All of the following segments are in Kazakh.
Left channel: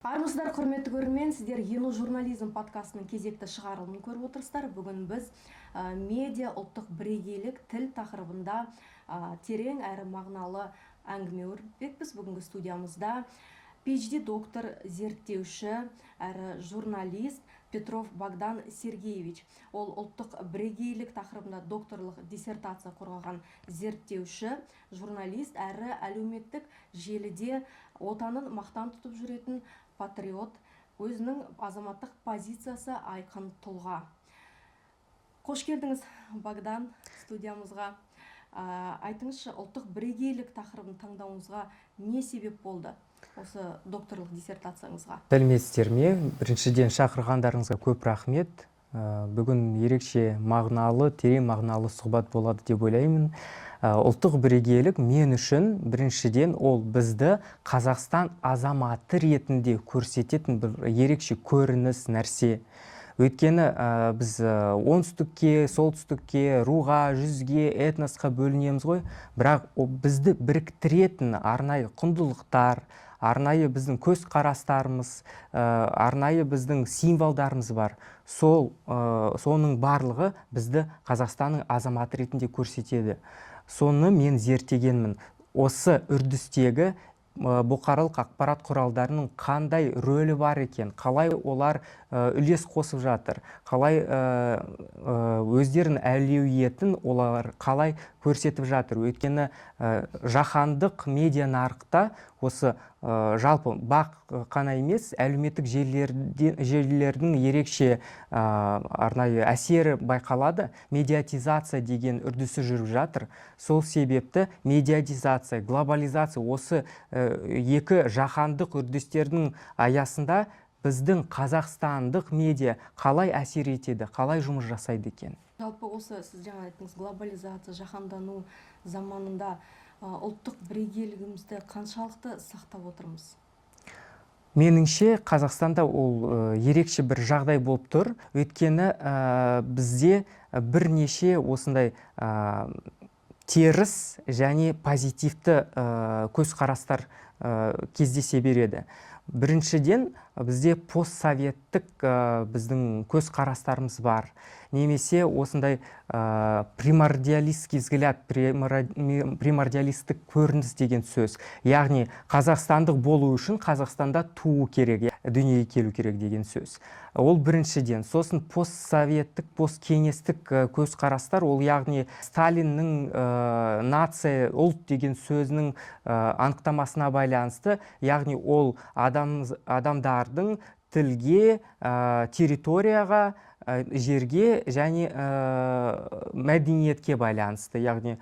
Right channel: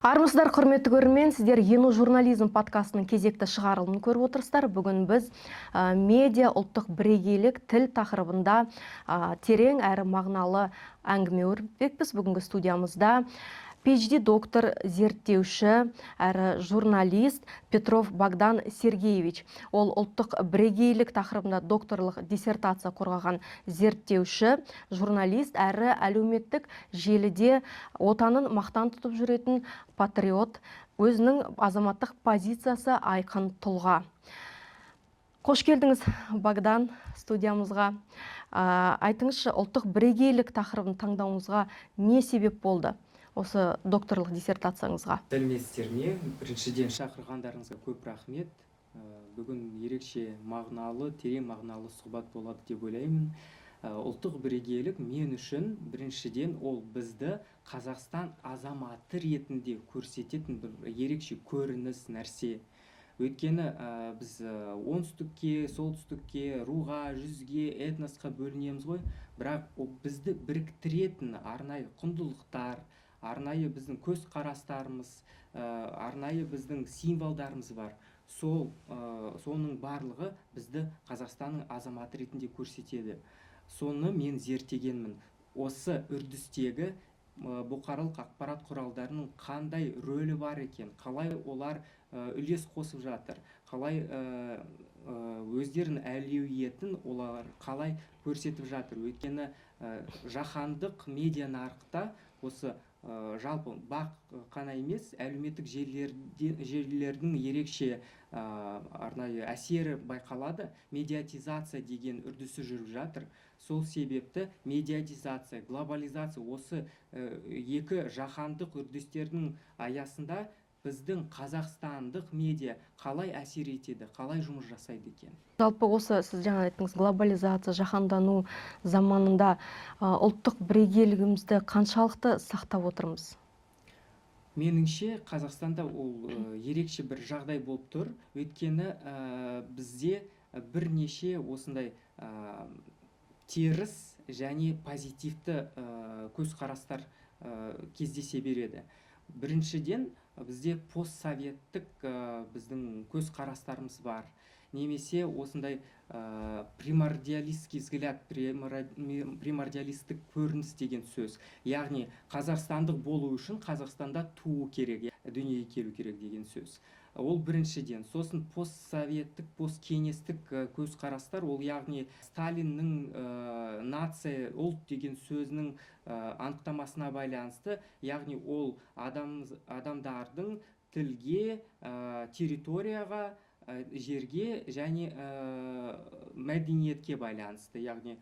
Армысыздар, құрметті көрермен, сіздер Ену журнализм подкастының кезекті шығарылымын көріп отырсыздар. Бүгін біз медиа ұлттық бірегейлік тіл тақырыбында терең әрі мағыналы әңгіме өрбітпекпіз. Бүгінгі студиямызда PhD доктор, зерттеуші әрі журналист Петров Богдан Сергеевич. Ол ұлттық бірегейлік тақырыбында докторлық диссертация қорғаған зерттеуші, журналист әрі әлеуметтік желіде отанын мақтан тұтып жүретін патриот, өзінің азаматтық позициясы айқын тұлға. Қош келдіңіз, Богдан, студиямызға. Айтыңызшы, ұлттық бірегейлік тақырыбын таңдауыңызға не себеп болды? Осы докторлық диссертацияңызға. Сәлеметсіздер ме? Біріншіден шақырғандарыңызға көп рахмет. Бүгін ерекше мағыналы, терең мағыналы сұхбат болады деп ойлаймын. Ұлттық бірегейлік мен үшін біріншіден ол бізді Қазақстан азаматы ретінде көрсететін бір ерекше көрініс нәрсе. Өйткені біз оңтүстікке, солтүстікке, руға, жүзге, этносқа бөлінеміз ғой, бірақ бізді біріктіретін арнайы құндылықтар, арнайы біздің көз қарастарымыз, арнайы біздің символдарымыз бар. Соның барлығы бізді Қазақстанның азаматы ретінде көрсетеді. Соны мен зерттегенмін. Осы үрдістегі бұқаралық ақпарат құралдарының қандай рөлі бар екен, қалай олар үлес қосып жатыр, қалай өздерінің әлеуетін олар қалай көрсетіп жатыр. Өйткені жаһандық медиа нарықта осы жалпы бақ қана емес, әлеуметтік желілердің ерекше арнайы әсері байқалады. Медиатизация деген үрдісі жүріп жатыр. Сол себепті медиатизация, глобализация осы екі жаһандық үрдістердің аясында біздің қазақстандық медиа қалай әсер етеді, қалай жұмыс жасайды екен? Жалпы осы сіз жаңа айттыңыз, глобализация, жаһандану заманында ұлттық бірегейлігімізді қаншалықты сақтап отырмыз? Меніңше, Қазақстанда ол ерекше бір жағдай болып тұр. Өйткені бізде бірнеше осындай теріс және позитивті көзқарастар кездесе береді. Біріншіден, бізде постсоветтік біздің көзқарастарымыз бар. Немесе осындай примордиалистский взгляд, примордиалистік көрініс деген сөз. Яғни, қазақстандық болу үшін Қазақстанда туу керек, дүниеге келу керек деген сөз. Ол біріншіден. Сосын постсоветтік, посткеңестік көзқарастар, ол яғни Сталиннің нация, ұлт деген сөзінің анықтамасына байланысты, яғни ол адамдардың тілге, территорияға, жерге және мәдениетке байланысты. Яғни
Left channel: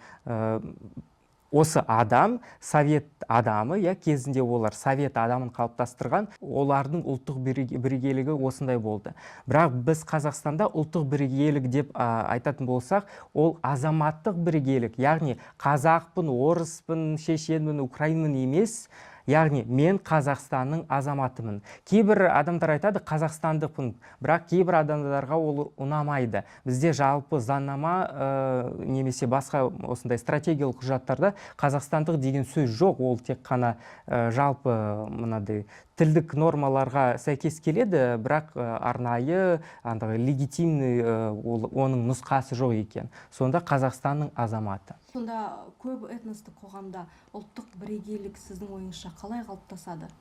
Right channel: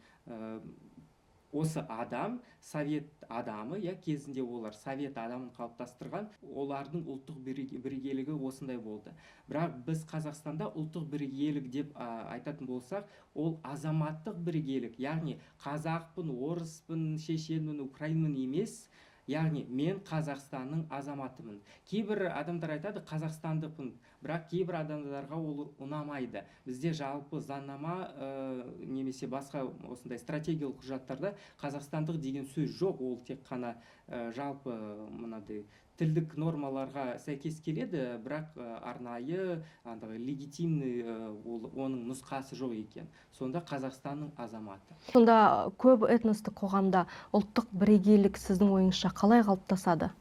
осы адам, совет адамы, кезінде олар совет адамын қалыптастырған, олардың ұлттық бірегейлігі осындай болды. Бірақ біз Қазақстанда ұлттық бірегейлік деп айтатын болсақ, ол азаматтық бірегейлік, яғни қазақпын, орыспын, шешенмін, украинмын емес, яғни мен Қазақстанның азаматымын. Кейбір адамдар айтады қазақстандықпын, бірақ кейбір адамдарға ол ұнамайды. Бізде жалпы заңнама немесе басқа осындай стратегиялық құжаттарда қазақстандық деген сөз жоқ. Ол тек қана жалпы мынадай тілдік нормаларға сәйкес келеді, бірақ арнайы, легитимный оның нұсқасы жоқ екен. Сонда Қазақстанның азаматы. Сонда көп этностық қоғамда ұлттық бірегейлік сіздің ойыңызша қалай қалыптасады?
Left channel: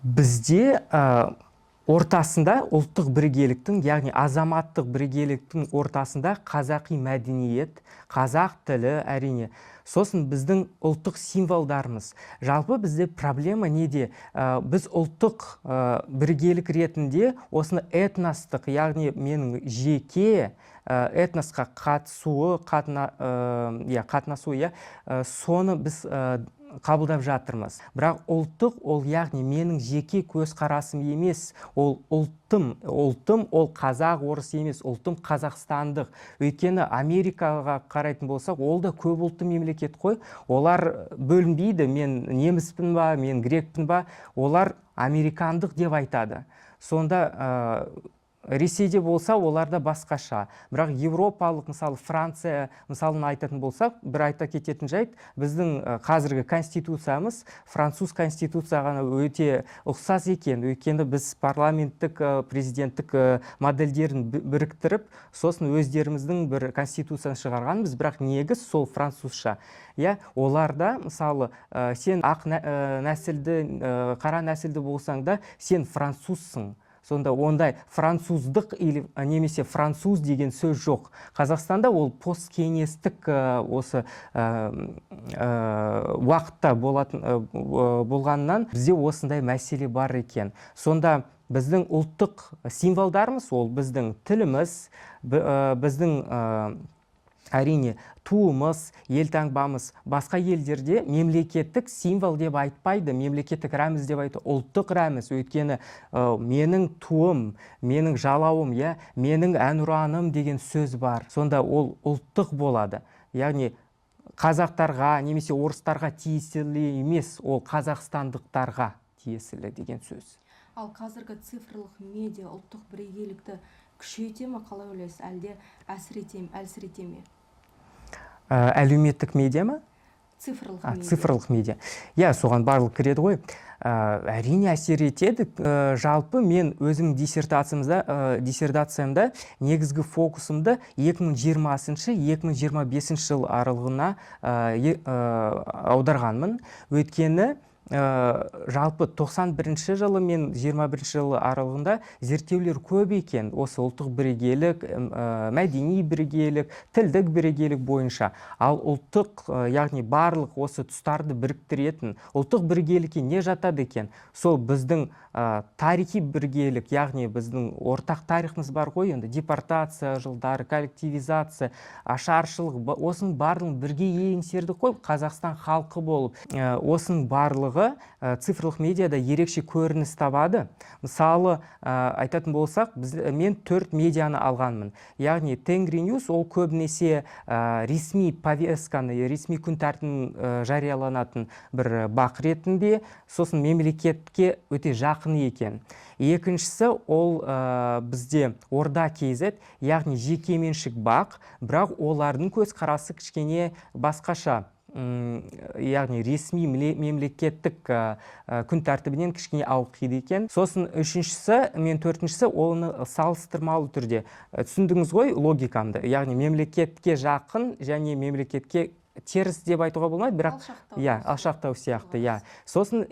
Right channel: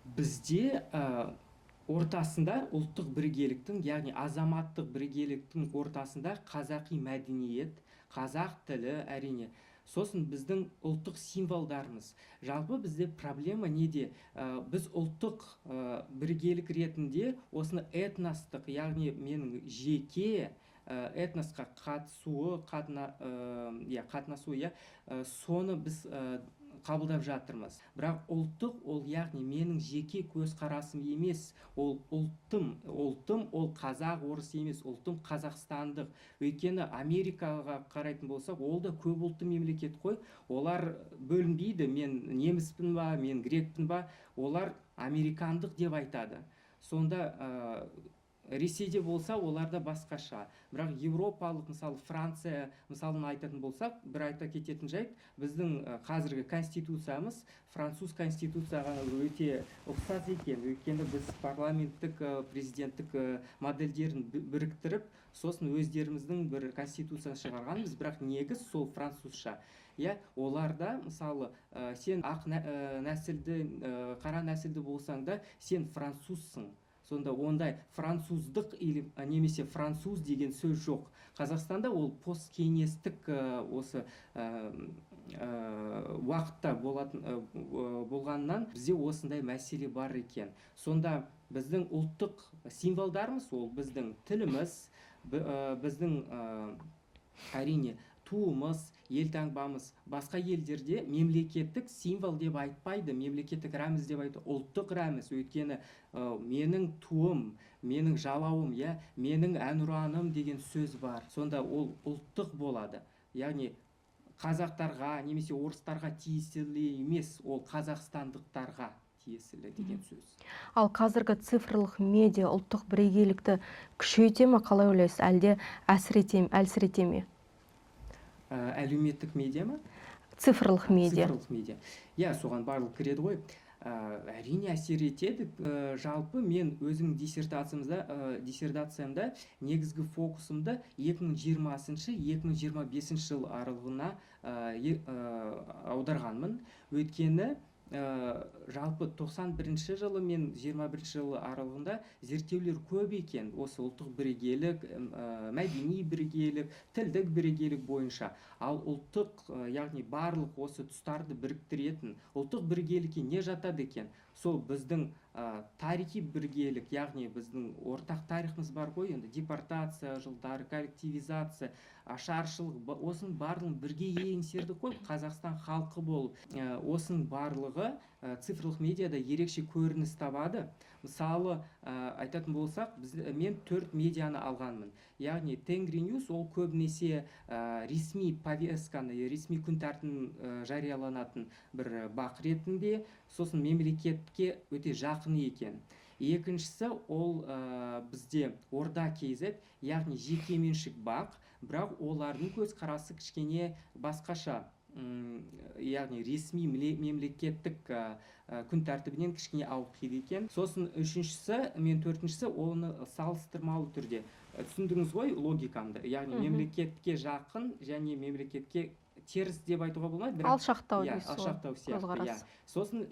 Бізде ортасында ұлттық бірегейліктің, яғни азаматтық бірегейліктің ортасында қазақи мәдениет, қазақ тілі әрине. Сосын біздің ұлттық символдарымыз. Жалпы бізде проблема неде? Біз ұлттық бірегейлік ретінде осыны этностық, яғни менің жеке этносқа қатысуы, соны біз қабылдап жатырмыз. Бірақ ұлттық, ол яғни менің жеке көзқарасым емес, ол ұлтым, ол қазақ, орыс емес, ұлтым қазақстандық. Өйткені Америкаға қарайтын болсақ, ол да көп ұлтты мемлекет қой. Олар бөлінбейді, мен неміспін ба, мен грекпін ба, олар американдық деп айтады. Сонда Ресейде болса оларда басқаша, бірақ европалық мысалы Франция мысалын айтатын болсақ, бір айта кететін жайт, біздің қазіргі конституциямыз француз конституцияға өте ұқсас екен. Өйткені біз парламенттік президенттік модельдерін біріктіріп, сосын өздеріміздің бір конституцияны шығарғанбыз, бірақ негіз сол французша. Оларда мысалы сен ақ нәсілді, қара нәсілді болсаң да сен французсың. Сонда ондай француздық или немесе француз деген сөз жоқ. Қазақстанда ол посткеңестік осы уақытта болғаннан бізде осындай мәселе бар екен. Сонда біздің ұлттық символдарымыз ол біздің тіліміз, біздің әрине туымыз, елтаңбамыз. Басқа елдерде мемлекеттік символ деп айтпайды, мемлекеттік рәміз деп айтады, ұлттық рәміз. Өйткені менің туым, менің жалауым, менің әнұраным деген сөз бар. Сонда ол ұлттық болады. Яғни қазақтарға немесе орыстарға тиесілі емес, ол қазақстандықтарға тиесілі деген сөз. Ал қазіргі цифрлық медиа ұлттық бірегейлікті күшейте ме, қалай ойлайсыз, әлде әлсірете ме? Әлеуметтік медиа ма? Цифрлық медиа. Цифрлық медиа. Соған барлық кіреді ғой. Әрине әсер етеді. Жалпы мен өзім диссертациямда негізгі фокусымды 2020-2025 жыл аралығына аударғанмын. Өйткені жалпы 91 жылы мен 21 жылы аралығында зерттеулер көп екен. Осы ұлттық бірегейлік, мәдени бірегейлік, тілдік бірегейлік бойынша. Ал ұлттық, яғни барлық осы тұстарды біріктіретін ұлттық бірегейлікке не жатады екен? Сол біздің тарихи бірегейлік, яғни біздің ортақ тарихымыз бар ғой, енді депортация жылдары, коллективизация, ашаршылық, осының барлығын бірге еңсердік қой, Қазақстан халқы болып. Осының барлығы цифрлық медиада ерекше көрініс табады. Мысалы, айтатын болсақ, мен 4 медианы алғанмын. Яғни Тенгриньюс ол көбінесе ресми повестканы, ресми күн тәртібін жарияланатын бір бақ ретінде, сосын мемлекетке өте жақын екен. Екіншісі ол бізде Орда KZ, яғни жекеменшік бақ, бірақ олардың көзқарасы кішкене басқаша. Яғни ресми мемлекеттік күн тәртібінен кішкене ауытқиды екен. Сосын төртіншісі оны салыстырмалы түрде. Түсіндіңіз ғой логикамды. Яғни мемлекетке жақын және мемлекетке теріс деп айтуға болмайды, бірақ алшақтау сияқты. Сосын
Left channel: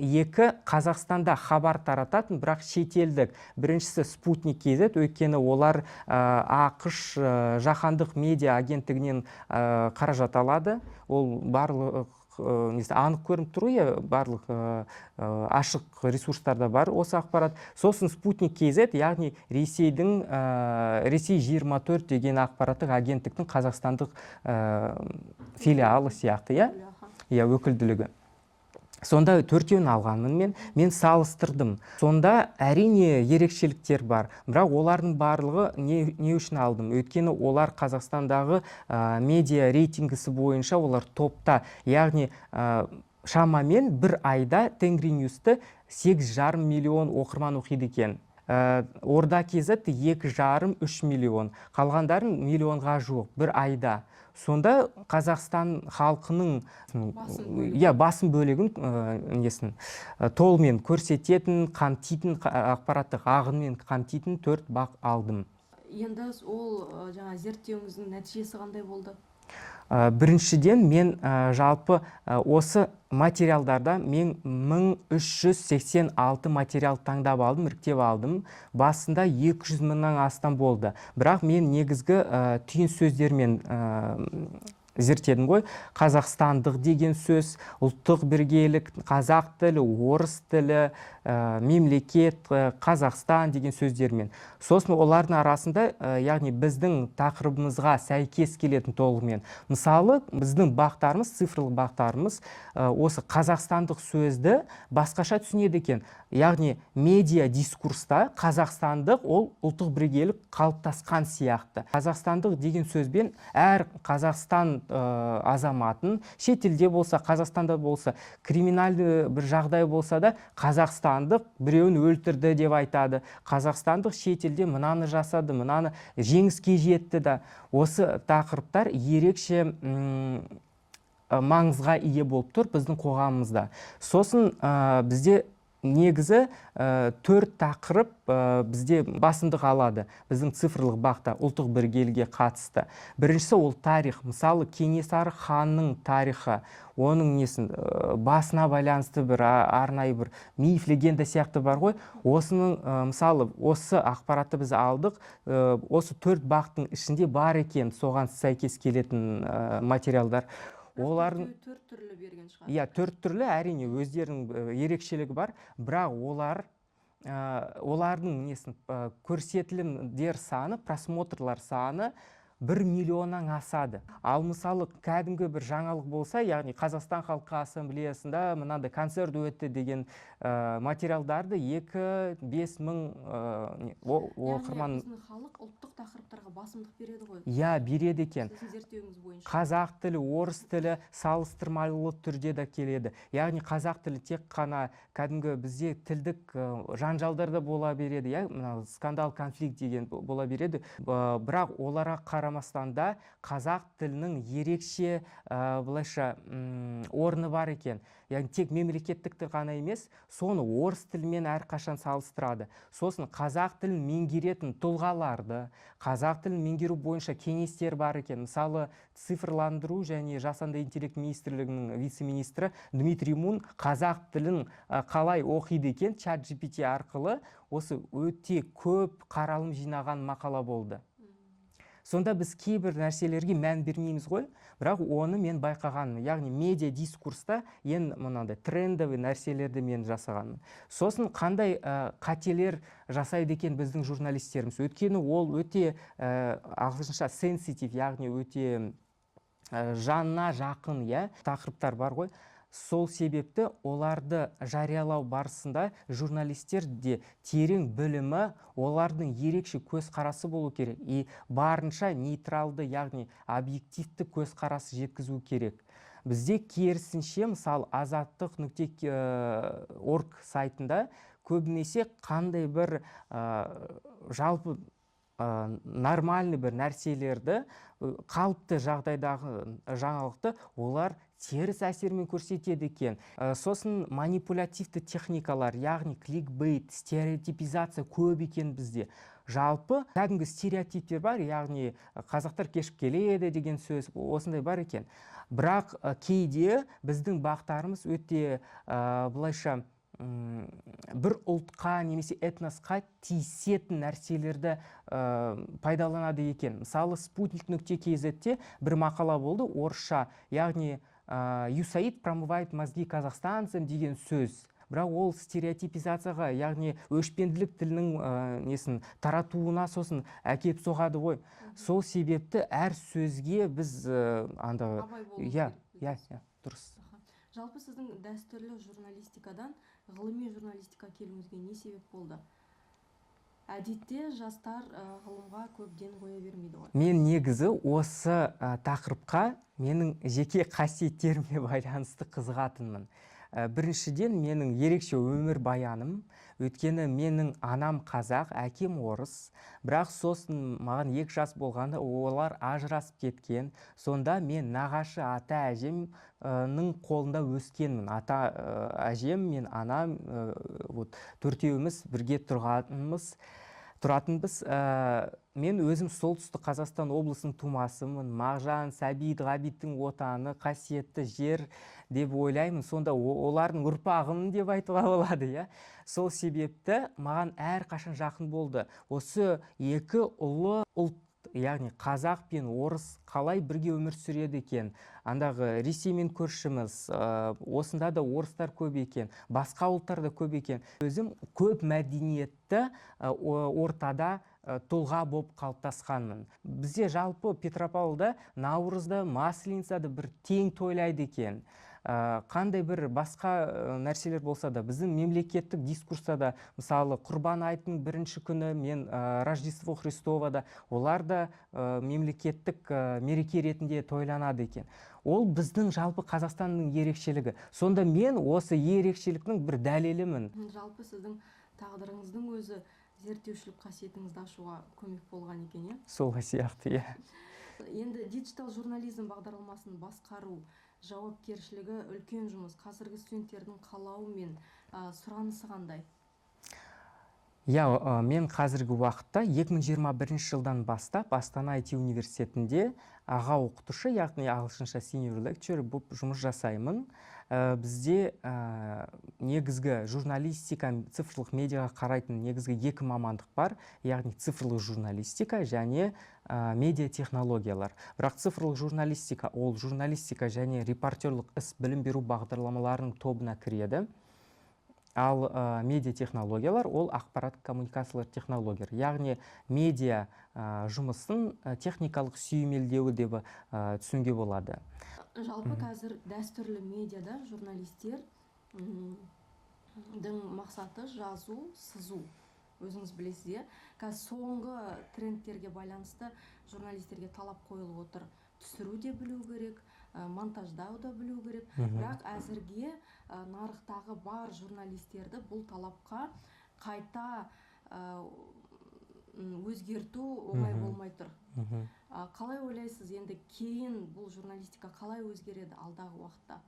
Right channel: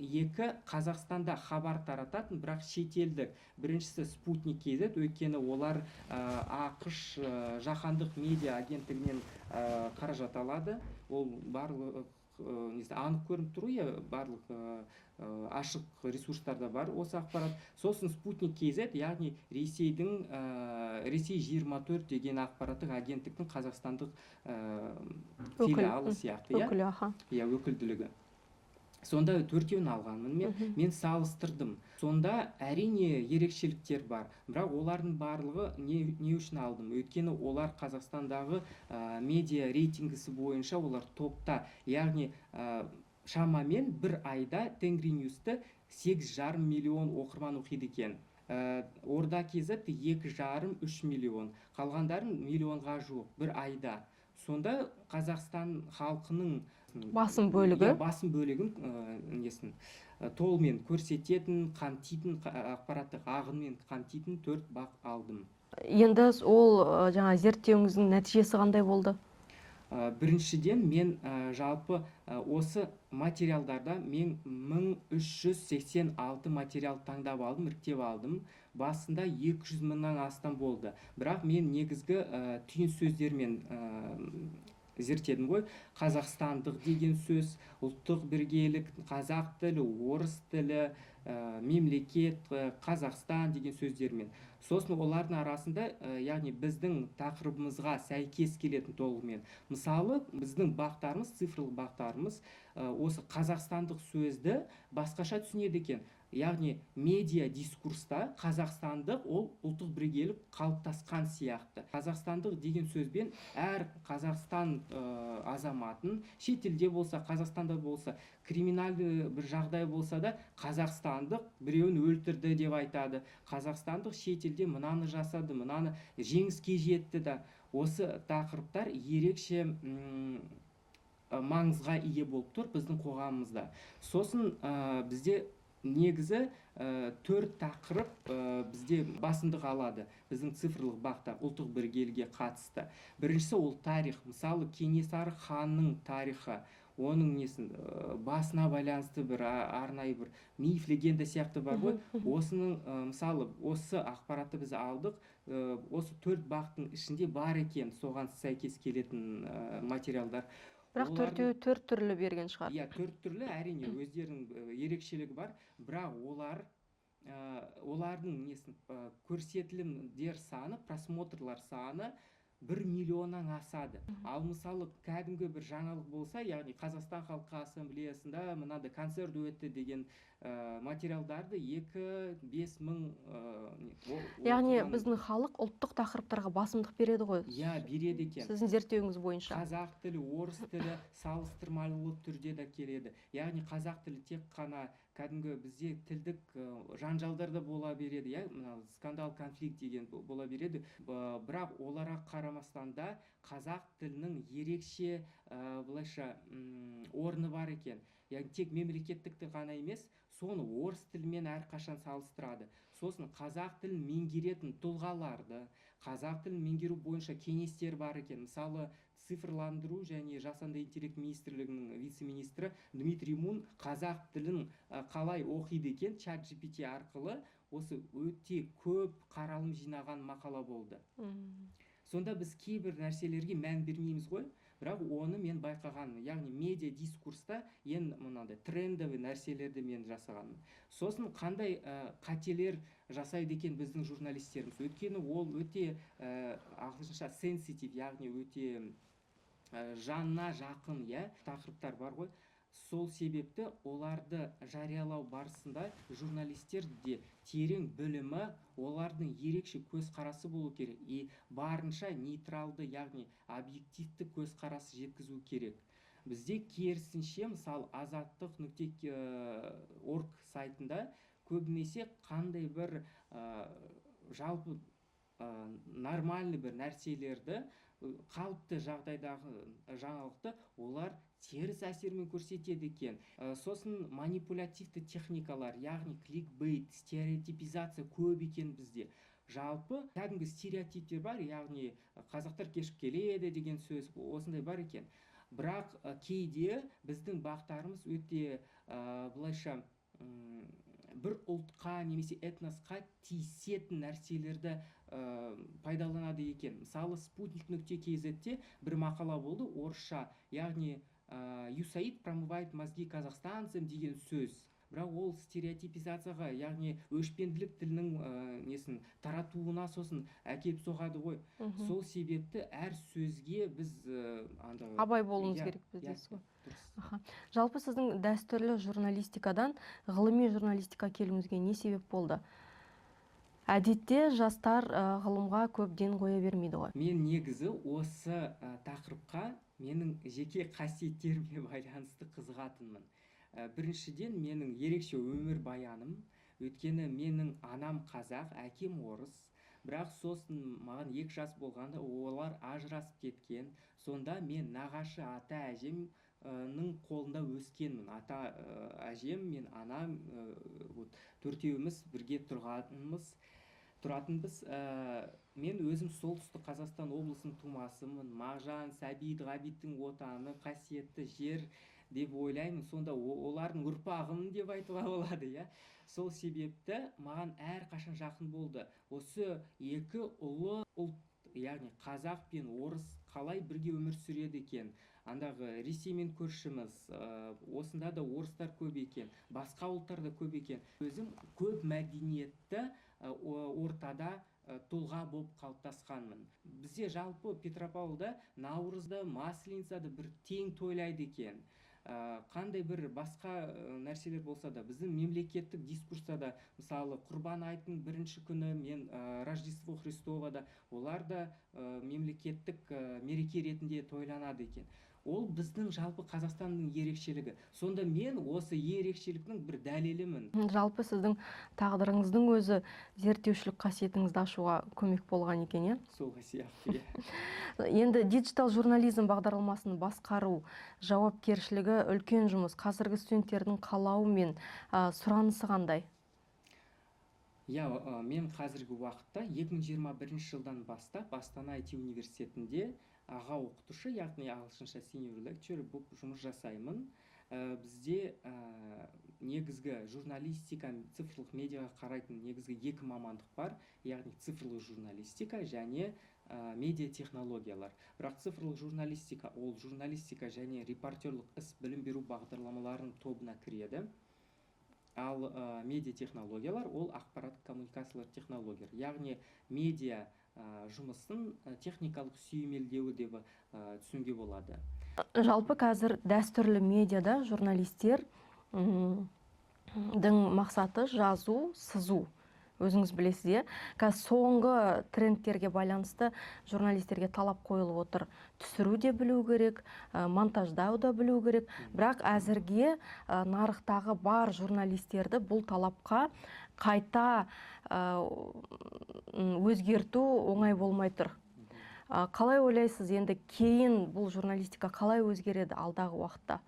Қазақстанда хабар тарататын, бірақ шетелдік. Біріншісі Спутник KZ, өйткені олар ақш жаһандық медиа агенттігінен қаражат алады. Ол барлық анық көрініп тұр, барлық ашық ресурстарда бар осы ақпарат. Сосын Спутник KZ, яғни Ресей 24 деген ақпараттық агенттіктің қазақстандық филиалы сияқты, өкілділігі. Сонда төртеуін алғанмын мен салыстырдым. Сонда әрине ерекшеліктер бар, бірақ олардың барлығы не үшін алдым? Өйткені олар Қазақстандағы медиа рейтингісі бойынша олар топта. Яғни шамамен бір айда Тенгриньюсты 8,5 миллион оқырман оқиды екен. Орда KZ 2,5-3 миллион. Қалғандарын миллионға жуық бір айда. Сонда Қазақстан халқының басым бөлігін толымен көрсететін, қамтитын, ақпараттық ағынмен қамтитын 4 бақ алдым. Енді ол зерттеуіңіздің нәтижесі қандай болды? Біріншіден мен жалпы осы материалдарда мен 1386 материал таңдап алдым, іріктеп алдым. Басында 200 мыңнан астам болды. Бірақ мен негізгі түйін сөздермен зерттедім ғой. Қазақстандық деген сөз, ұлттық бірегейлік, қазақ тілі, орыс тілі, мемлекет, Қазақстан деген сөздермен. Сосын олардың арасында, яғни біздің тақырыбымызға сәйкес келетін толығымен. Мысалы, біздің бақтарымыз, цифрлық бақтарымыз осы қазақстандық сөзді басқаша түсінеді екен. Яғни медиа дискурста қазақстандық ол ұлттық бірегейлік қалыптасқан сияқты. Қазақстандық деген сөзбен әр Қазақстан азаматын, шетелде болса, Қазақстанда болса, криминальды бір жағдай болса да, қазақстандық біреуін өлтірді деп айтады, қазақстандық шетелде мынаны жасады, мынаны жеңіске жетті да. Осы тақырыптар ерекше маңызға ие болып тұр біздің қоғамымызда. Сосын бізде негізі төрт тақырып бізде басымдық алады біздің цифрлық бақта ұлттық бірегейлікке қатысты. Біріншісі ол тарих. Мысалы Кенесары ханның тарихы, оның басына байланысты бір арнайы бір миф, легенда сияқты бар ғой. Осының мысалы осы ақпаратты біз алдық, осы төрт бақтың ішінде бар екен соған сәйкес келетін материалдар. Бірақ төрт түрлі берген шығар. Иә, төрт түрлі, әрине өздерінің ерекшелігі бар, бірақ олардың көрсетілімдер саны, просмотрлар саны 1 миллионнан асады. Ал мысалы кәдімгі бір жаңалық болса, яғни Қазақстан халқы ассамблеясында мынандай концерт өтті деген материалдарды 2-5 мың яғни біздің халық ұлттық тақырыптарға басымдық береді ғой. Иә, береді екен. Сіздің зерттеуіңіз бойынша. Қазақ тілі, орыс тілі салыстырмалы түрде де келеді. Яғни қазақ тілі тек қана кәдімгі бізде тілдік жанжалдарда бола береді, скандал, конфликт деген бола береді. Бірақ оларға қарамастан да қазақ тілінің ерекше былайша орны бар екен. Яғни тек мемлекеттік тіл ғана емес, соны орыс тілімен әрқашан салыстырады. Сосын қазақ тілін меңгеретін тұлғаларды, қазақ тілін меңгеру бойынша кеңестер бар екен. Мысалы, цифрландыру және жасанды интеллект министрлігінің вице-министрі Дмитрий Мун қазақ тілін қалай оқиды екен ChatGPT арқылы осы өте көп қаралым жинаған мақала болды. Сонда біз кейбір нәрселерге мән бермейміз ғой, бірақ оны мен байқағаным. Яғни медиа дискурста мынандай трендовый нәрселерді мен жасағаным. Сосын қандай қателер жасайды екен біздің журналистеріміз. Өйткені ол өте ағылшынша sensitive, яғни өте жанына жақын тақырыптар бар ғой. Сол себепті оларды жариялау барысында журналистер де терең білімі, олардың ерекше көзқарасы болу керек. И барынша нейтралды, яғни объективті көзқарасы жеткізу керек. Бізде керісінше, мысалы, azаттық.org сайтында көбінесе қандай бір жалпы нормальный бір нәрселерді, қалыпты жағдайдағы жаңалықты олар теріс әсермен көрсетеді екен. Сосын манипулятивті техникалар, яғни кликбейт, стереотипизация көп екен бізде. Жалпы кәдімгі стереотиптер бар, яғни қазақтар кешіп келеді деген сөз, осындай бар екен. Бірақ кейде біздің бақтарымыз өте былайша бір ұлтқа немесе этносқа тиісетін нәрселерді пайдаланады екен. Мысалы, sputnik.kz-те бір мақала болды, орысша, яғни USAID промывает мозги казахстанцам деген сөз. Бірақ ол стереотипизацияға, яғни өшпенділік тілінің таратуына сосын әкеп соғады ғой. Сол себепті әр сөзге біз абай болуымыз керек бізде. Дұрыс. Жалпы сіздің дәстүрлі журналистикадан ғылыми журналистика келуіңізге не себеп болды? Әдетте жастар ғылымға көп ден қоя бермейді ғой. Мен негізі осы тақырыпқа менің жеке қасиеттеріме байланысты қызығатынмын. Біріншіден, менің ерекше өмір баяным, өйткені менің анам қазақ, әкем орыс, бірақ сосын маған 2 жас болғанда олар ажырасып кеткен. Сонда мен нағашы ата әжемнің қолында өскенмін. Ата әжем, мен анам, төртеуіміз бірге тұратынбыз. Мен өзім солтүстік Қазақстан облысының тумасымын. Мағжан, Сәбит, Ғабиттің отаны, қасиетті жер деп ойлаймын. Сонда олардың ұрпағымын деп айтуға болады. Сол себепті маған әрқашан жақын болды. Осы екі ұлы ұлт, яғни қазақ пен орыс қалай бірге өмір сүреді екен. Андағы Ресеймен көршіміз, осында да орыстар көп екен, басқа ұлттар да көп екен. Өзім көп мәдениетті ортада тұлға болып қалыптасқанмын. Бізде жалпы Петропавлда Наурызда, Масленицада бір тең тойлайды екен. қандай бір басқа нәрселер болса да біздің мемлекеттік дискурста да мысалы құрбан айттың бірінші күні мен Рождество Христово да олар да мемлекеттік мереке ретінде тойланады екен. Ол біздің жалпы Қазақстанның ерекшелігі. Сонда мен осы ерекшеліктің бір дәлелімін. Жалпы сіздің тағдырыңыздың өзі зерттеушілік қасиетіңізді ашуға көмек болған екен, иә? Сол сияқты, иә. Енді диджитал журнализм бағдарламасын басқару жауапкершілігі үлкен жұмыс. Қазіргі студенттердің қалауы мен сұранысы қандай? Мен қазіргі уақытта 2021 жылдан бастап Астана IT университетінде аға оқытушы, яғни ағылшынша senior lecturer болып жұмыс жасаймын. Бізде негізгі журналистика, цифрлық медиаға қарайтын негізгі екі мамандық бар, яғни цифрлық журналистика және медиа технологиялар. Бірақ цифрлық журналистика ол журналистика және репортерлық іс білім беру бағдарламаларының тобына кіреді. Ал медиа технологиялар ол ақпараттық коммуникациялар технологиялар. Яғни медиа жұмысын техникалық сүйемелдеуі деп түсінуге болады. Жалпы қазір дәстүрлі медиада журналистер мақсаты жазу, сызу. Өзіңіз білесіз, е? Қазір соңғы трендтерге байланысты журналистерге талап қойылып отыр. Түсіру де білу керек, монтаждау да білу керек. Бірақ әзірге нарықтағы бар журналистерді бұл талапқа қайта өзгерту оңай болмай тұр. Қалай ойлайсыз, енді кейін бұл журналистика қалай өзгереді алдағы уақытта?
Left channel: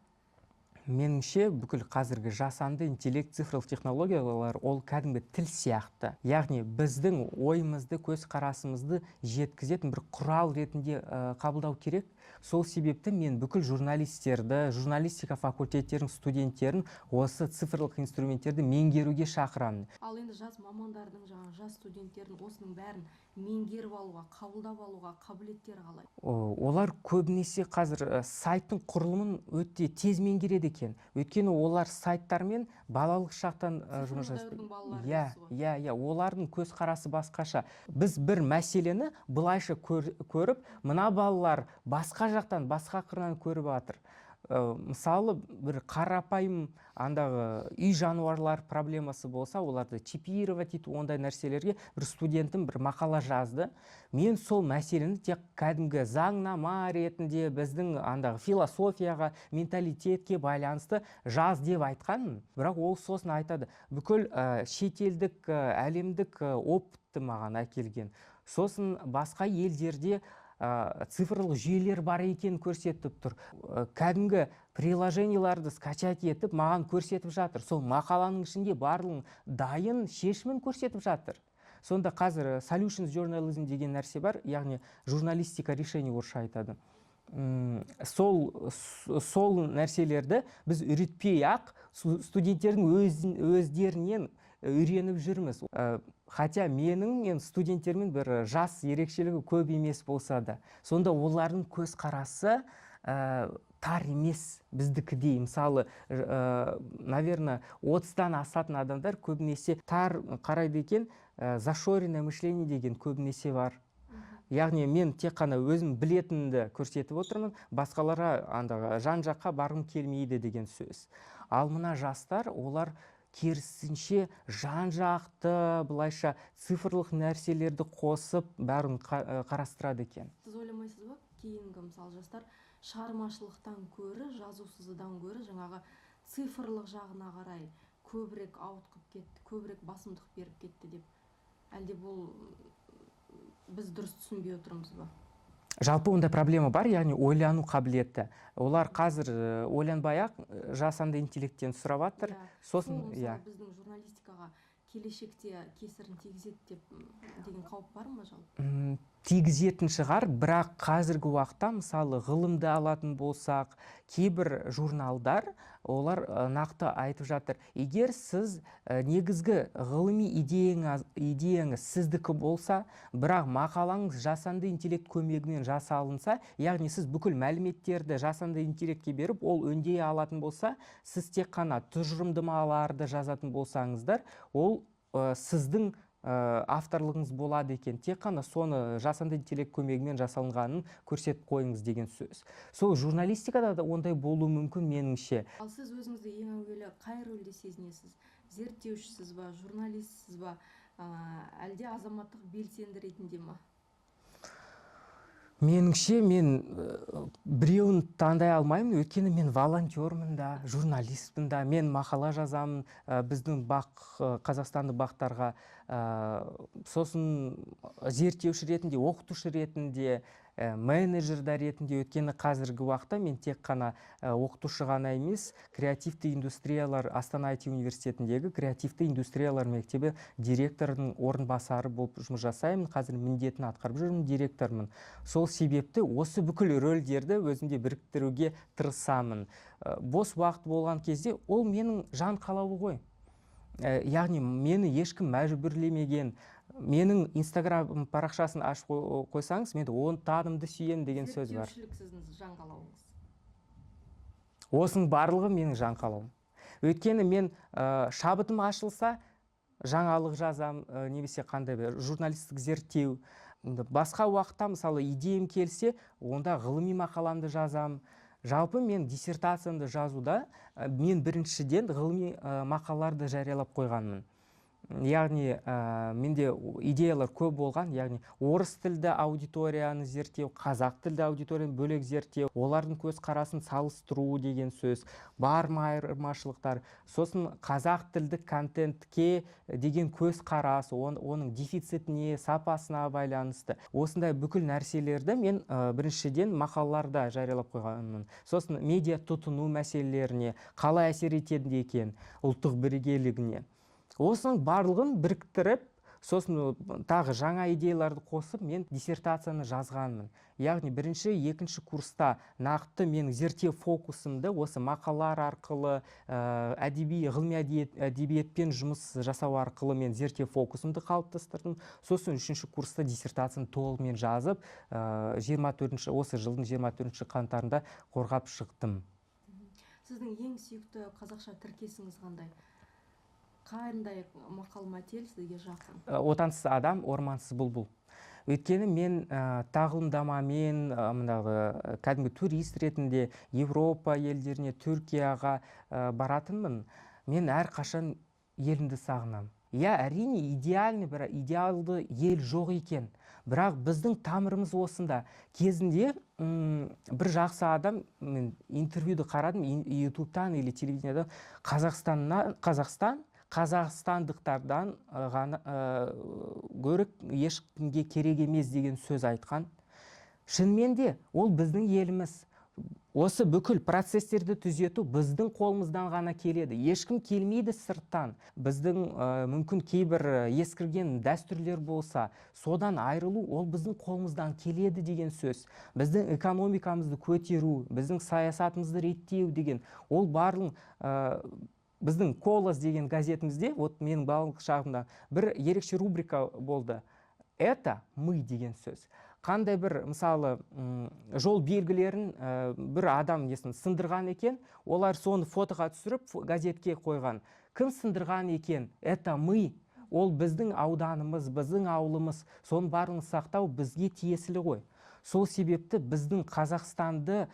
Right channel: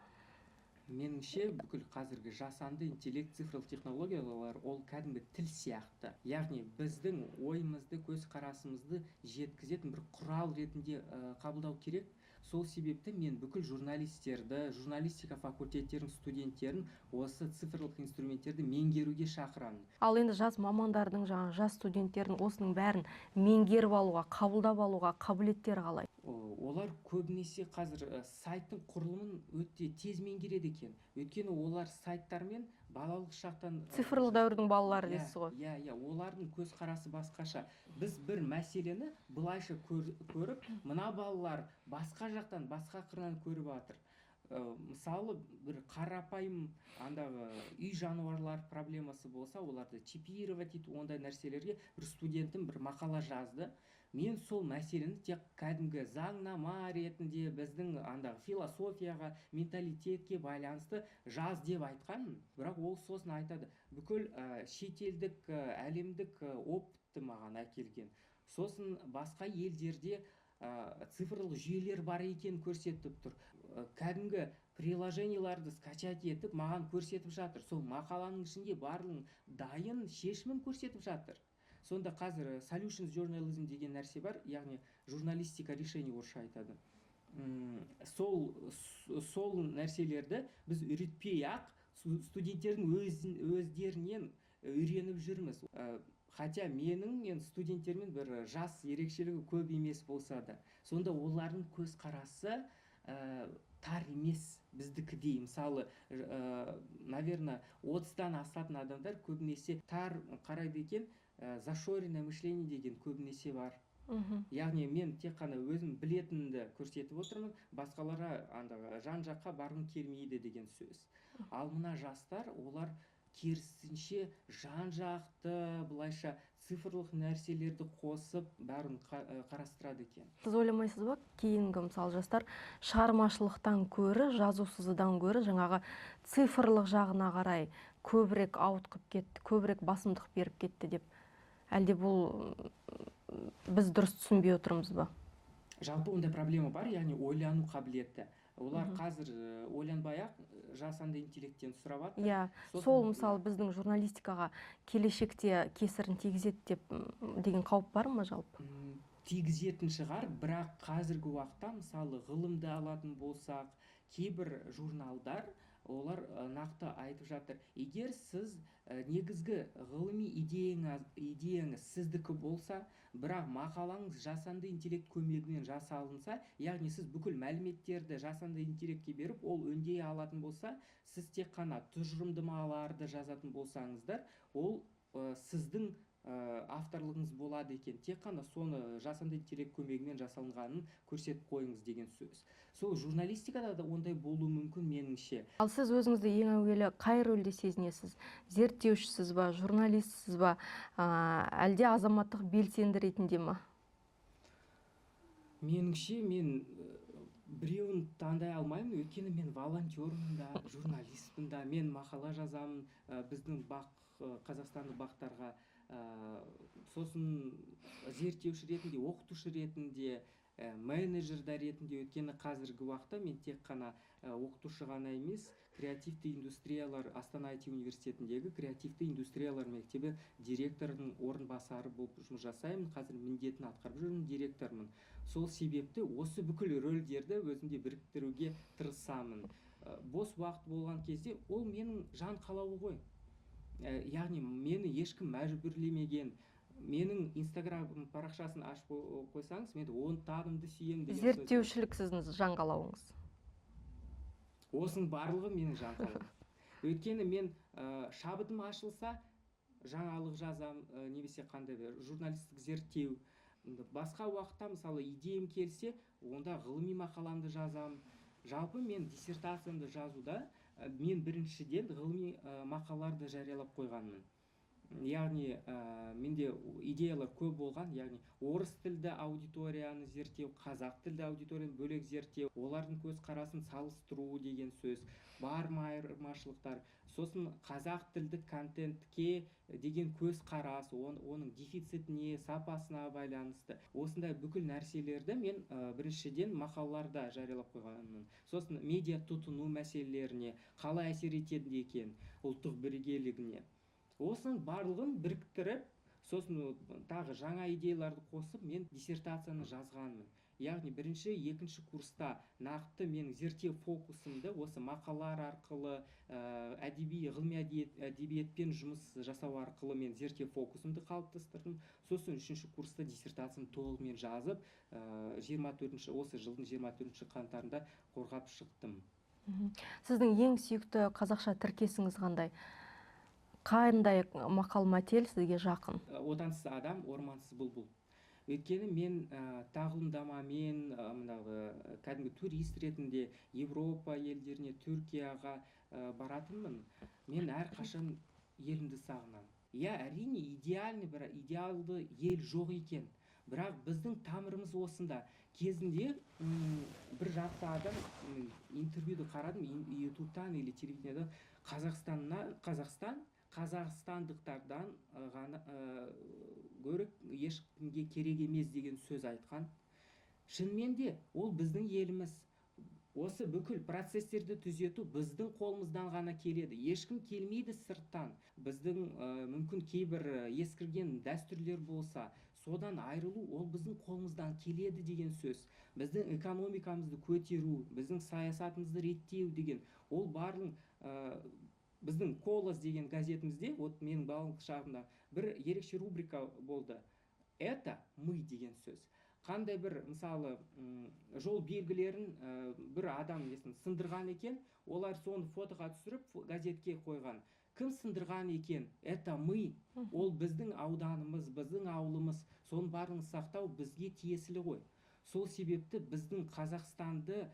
Меніңше бүкіл қазіргі жасанды интеллект, цифрлық технологиялар ол кәдімгі тіл сияқты. Яғни біздің ойымызды, көзқарасымызды жеткізетін бір құрал ретінде қабылдау керек. Сол себепті мен бүкіл журналистерді, журналистика факультеттерінің студенттерін осы цифрлық инструменттерді меңгеруге шақырамын. Ал енді жас мамандардың, жас студенттердің осының бәрін меңгеріп алуға, қабылдап алуға қабілеттері қалай? Олар көбінесе қазір сайттың құрылымын өте тез меңгереді екен. Өйткені олар сайттармен балалық шақтан цифрлық дәуірдің балалары дейсіз ғой. Иә, олардың көзқарасы басқаша. Біз бір мәселені былайша көріп, мына балалар басқа жақтан, басқа қырынан көріп жатыр. Мысалы, бір қарапайым андағы үй жануарлар проблемасы болса, оларды чипировать ету, ондай нәрселерге бір студентім бір мақала жазды. Мен сол мәселені тек кәдімгі заңнама ретінде біздің андағы философияға, менталитетке байланысты жаз деп айтқанмын. Бірақ ол сосын айтады, бүкіл шетелдік, әлемдік опытты маған әкелген. Сосын басқа елдерде цифрлық жүйелер бар екен көрсетіп тұр. Кәдімгі приложенияларды скачать етіп, маған көрсетіп жатыр. Сол мақаланың ішінде барлығын дайын шешімін көрсетіп жатыр. Сонда қазір solutions journalism деген нәрсе бар, яғни журналистика решение орысша айтады. Сол нәрселерді біз үйретпей-ақ студенттердің өздерінен үйреніп жүрміз. Хотя менің студенттермен бір жас ерекшелігі көп емес болса да, сонда олардың көзқарасы тар емес біздікідей. Мысалы, наверное, 30-тан асатын адамдар көбінесе тар қарайды екен, зашоренное мышление деген көбінесе бар. Яғни мен тек қана өзім білетінді көрсетіп отырмын, басқаларға жан жаққа барғым келмейді деген сөз. Ал мына жастар, олар керісінше жан жақты, бұлайша цифрлық нәрселерді қосып, бәрін қарастырады екен. Сіз ойламайсыз ба, кейінгі мысалы жастар шығармашылықтан көрі, жазусыздан көрі, жаңағы цифрлық жағына қарай көбірек ауытқып кетті, көбірек басымдық беріп кетті деп? Әлде бұл біз дұрыс түсінбей отырмыз ба? Жалпы онда проблема бар, яғни ойлану қабілеті. Олар қазір ойланбай-ақ жасанды интеллекттен сұрап жатыр. Сол мысалы біздің журналистикаға келешекте кесірін тигізеді деген қауіп бар ма жалпы? Тигізетін шығар, бірақ қазіргі уақытта мысалы ғылымды алатын болсақ, кейбір журналдар олар нақты айтып жатыр. Егер сіз негізгі ғылыми идеяңыз сіздікі болса, бірақ мақалаңыз жасанды интеллект көмегімен жасалынса, яғни сіз бүкіл мәліметтерді жасанды интеллектке беріп, ол өңдей алатын болса, сіз тек қана тұжырымдамаларды жазатын болсаңыздар, ол сіздің авторлығыңыз болады екен, тек қана соны жасанды интеллект көмегімен жасалынғанын көрсетіп қойыңыз деген сөз. Сол журналистикада да ондай болуы мүмкін меніңше. Ал сіз өзіңізді ең әуелі қай рөлде сезінесіз? Зерттеушісіз ба, журналистсіз ба, әлде азаматтық белсенді ретінде ма? Меніңше мен біреуін таңдай алмаймын, өйткені мен волонтермін да, журналистпін да, мен мақала жазамын біздің қазақстанды бақтарға, сосын зерттеуші ретінде, оқытушы ретінде, менеджерда ретінде. Өткені қазіргі уақытта мен тек қана оқытушы ғана емес, креативті индустриялар, Астана IT университетіндегі креативті индустриялар мектебі директорының орынбасары болып жұмыс жасаймын. Қазір міндетін атқарып жүрмін, директормын. Сол себепті осы бүкіл рөлдерді өзімде біріктіруге тырысамын. Бос уақыт болған кезде ол менің жан қалауы ғой. Яғни мені ешкім мәжбүрлемеген. Менің Инстаграм парақшасын ашып қойсаңыз, мен оны танымды сүйем деген сөз бар. Зерттеушілік сіздің жан қалауыңыз. Осының барлығы менің жан қалауым. Өйткені мен шабытым ашылса, жаңалық жазам, немесе қандай бір журналистік зерттеу. Басқа уақытта, мысалы, идеям келсе, онда ғылыми мақаламды жазам. Жалпы мен диссертациямды жазуда мен біріншіден ғылыми мақалаларды жариялап қойғанмын. Яғни менде идеялар көп болған, яғни орыс тілді аудиторияны зерттеу, қазақ тілді аудиторияны бөлек зерттеу, олардың көзқарасын салыстыру деген сөз, бар ма айырмашылықтар, сосын қазақ тілді контентке деген көзқарас, оның дефицитіне, сапасына байланысты. Осындай бүкіл нәрселерді мен біріншіден мақалаларда жариялап қойғанмын. Сосын медиа тұтыну мәселелеріне қалай әсер етеді екен, ұлттық бірегейлігіне. Осының барлығын біріктіріп, сосын тағы жаңа идеяларды қосып, мен диссертацияны жазғанмын. Яғни бірінші, екінші курста нақты мен зерттеу фокусымды осы мақалалар арқылы, ғылыми әдебиетпен жұмыс жасау арқылы мен зерттеу фокусымды қалыптастырдым. Сосын үшінші курста диссертацияны толығымен жазып, осы жылдың 24 қаңтарында қорғап шықтым. Сіздің ең сүйікті қазақша тіркесіңіз қандай? Қандай мақал мәтел сізге жақын? Отансыз адам, ормансыз бұлбұл. Өйткені мен тағылымдамамен кәдімгі турист ретінде Европа елдеріне, Түркияға баратынмын. Мен әрқашан елімді сағынам. Әрине идеалды ел жоқ екен. Бірақ біздің тамырымыз осында. Кезінде бір жақсы адам, мен интервьюді қарадым, ютубтан или телевидениеда, қазақстандықтардан ғана көрік ешкімге керек емес деген сөз айтқан. Шынымен де ол біздің еліміз. Осы бүкіл процестерді түзету біздің қолымыздан ғана келеді. Ешкім келмейді сырттан. Біздің мүмкін кейбір ескірген дәстүрлер болса, содан айырылу ол біздің қолымыздан келеді деген сөз. Біздің экономикамызды көтеру, біздің саясатымызды реттеу деген, ол барлық біздің «Колос» деген газетімізде, менің балалық шағымда бір ерекше рубрика болды. Это мы деген сөз. Қандай бір, мысалы, жол белгілерін бір адам сындырған екен, олар соны фотоға түсіріп газетке қойған. Кім сындырған екен? Это мы. Ол біздің ауданымыз, біздің ауылымыз. Соның барын сақтау бізге тиесілі ғой. Сол себепті біздің Қазақстанды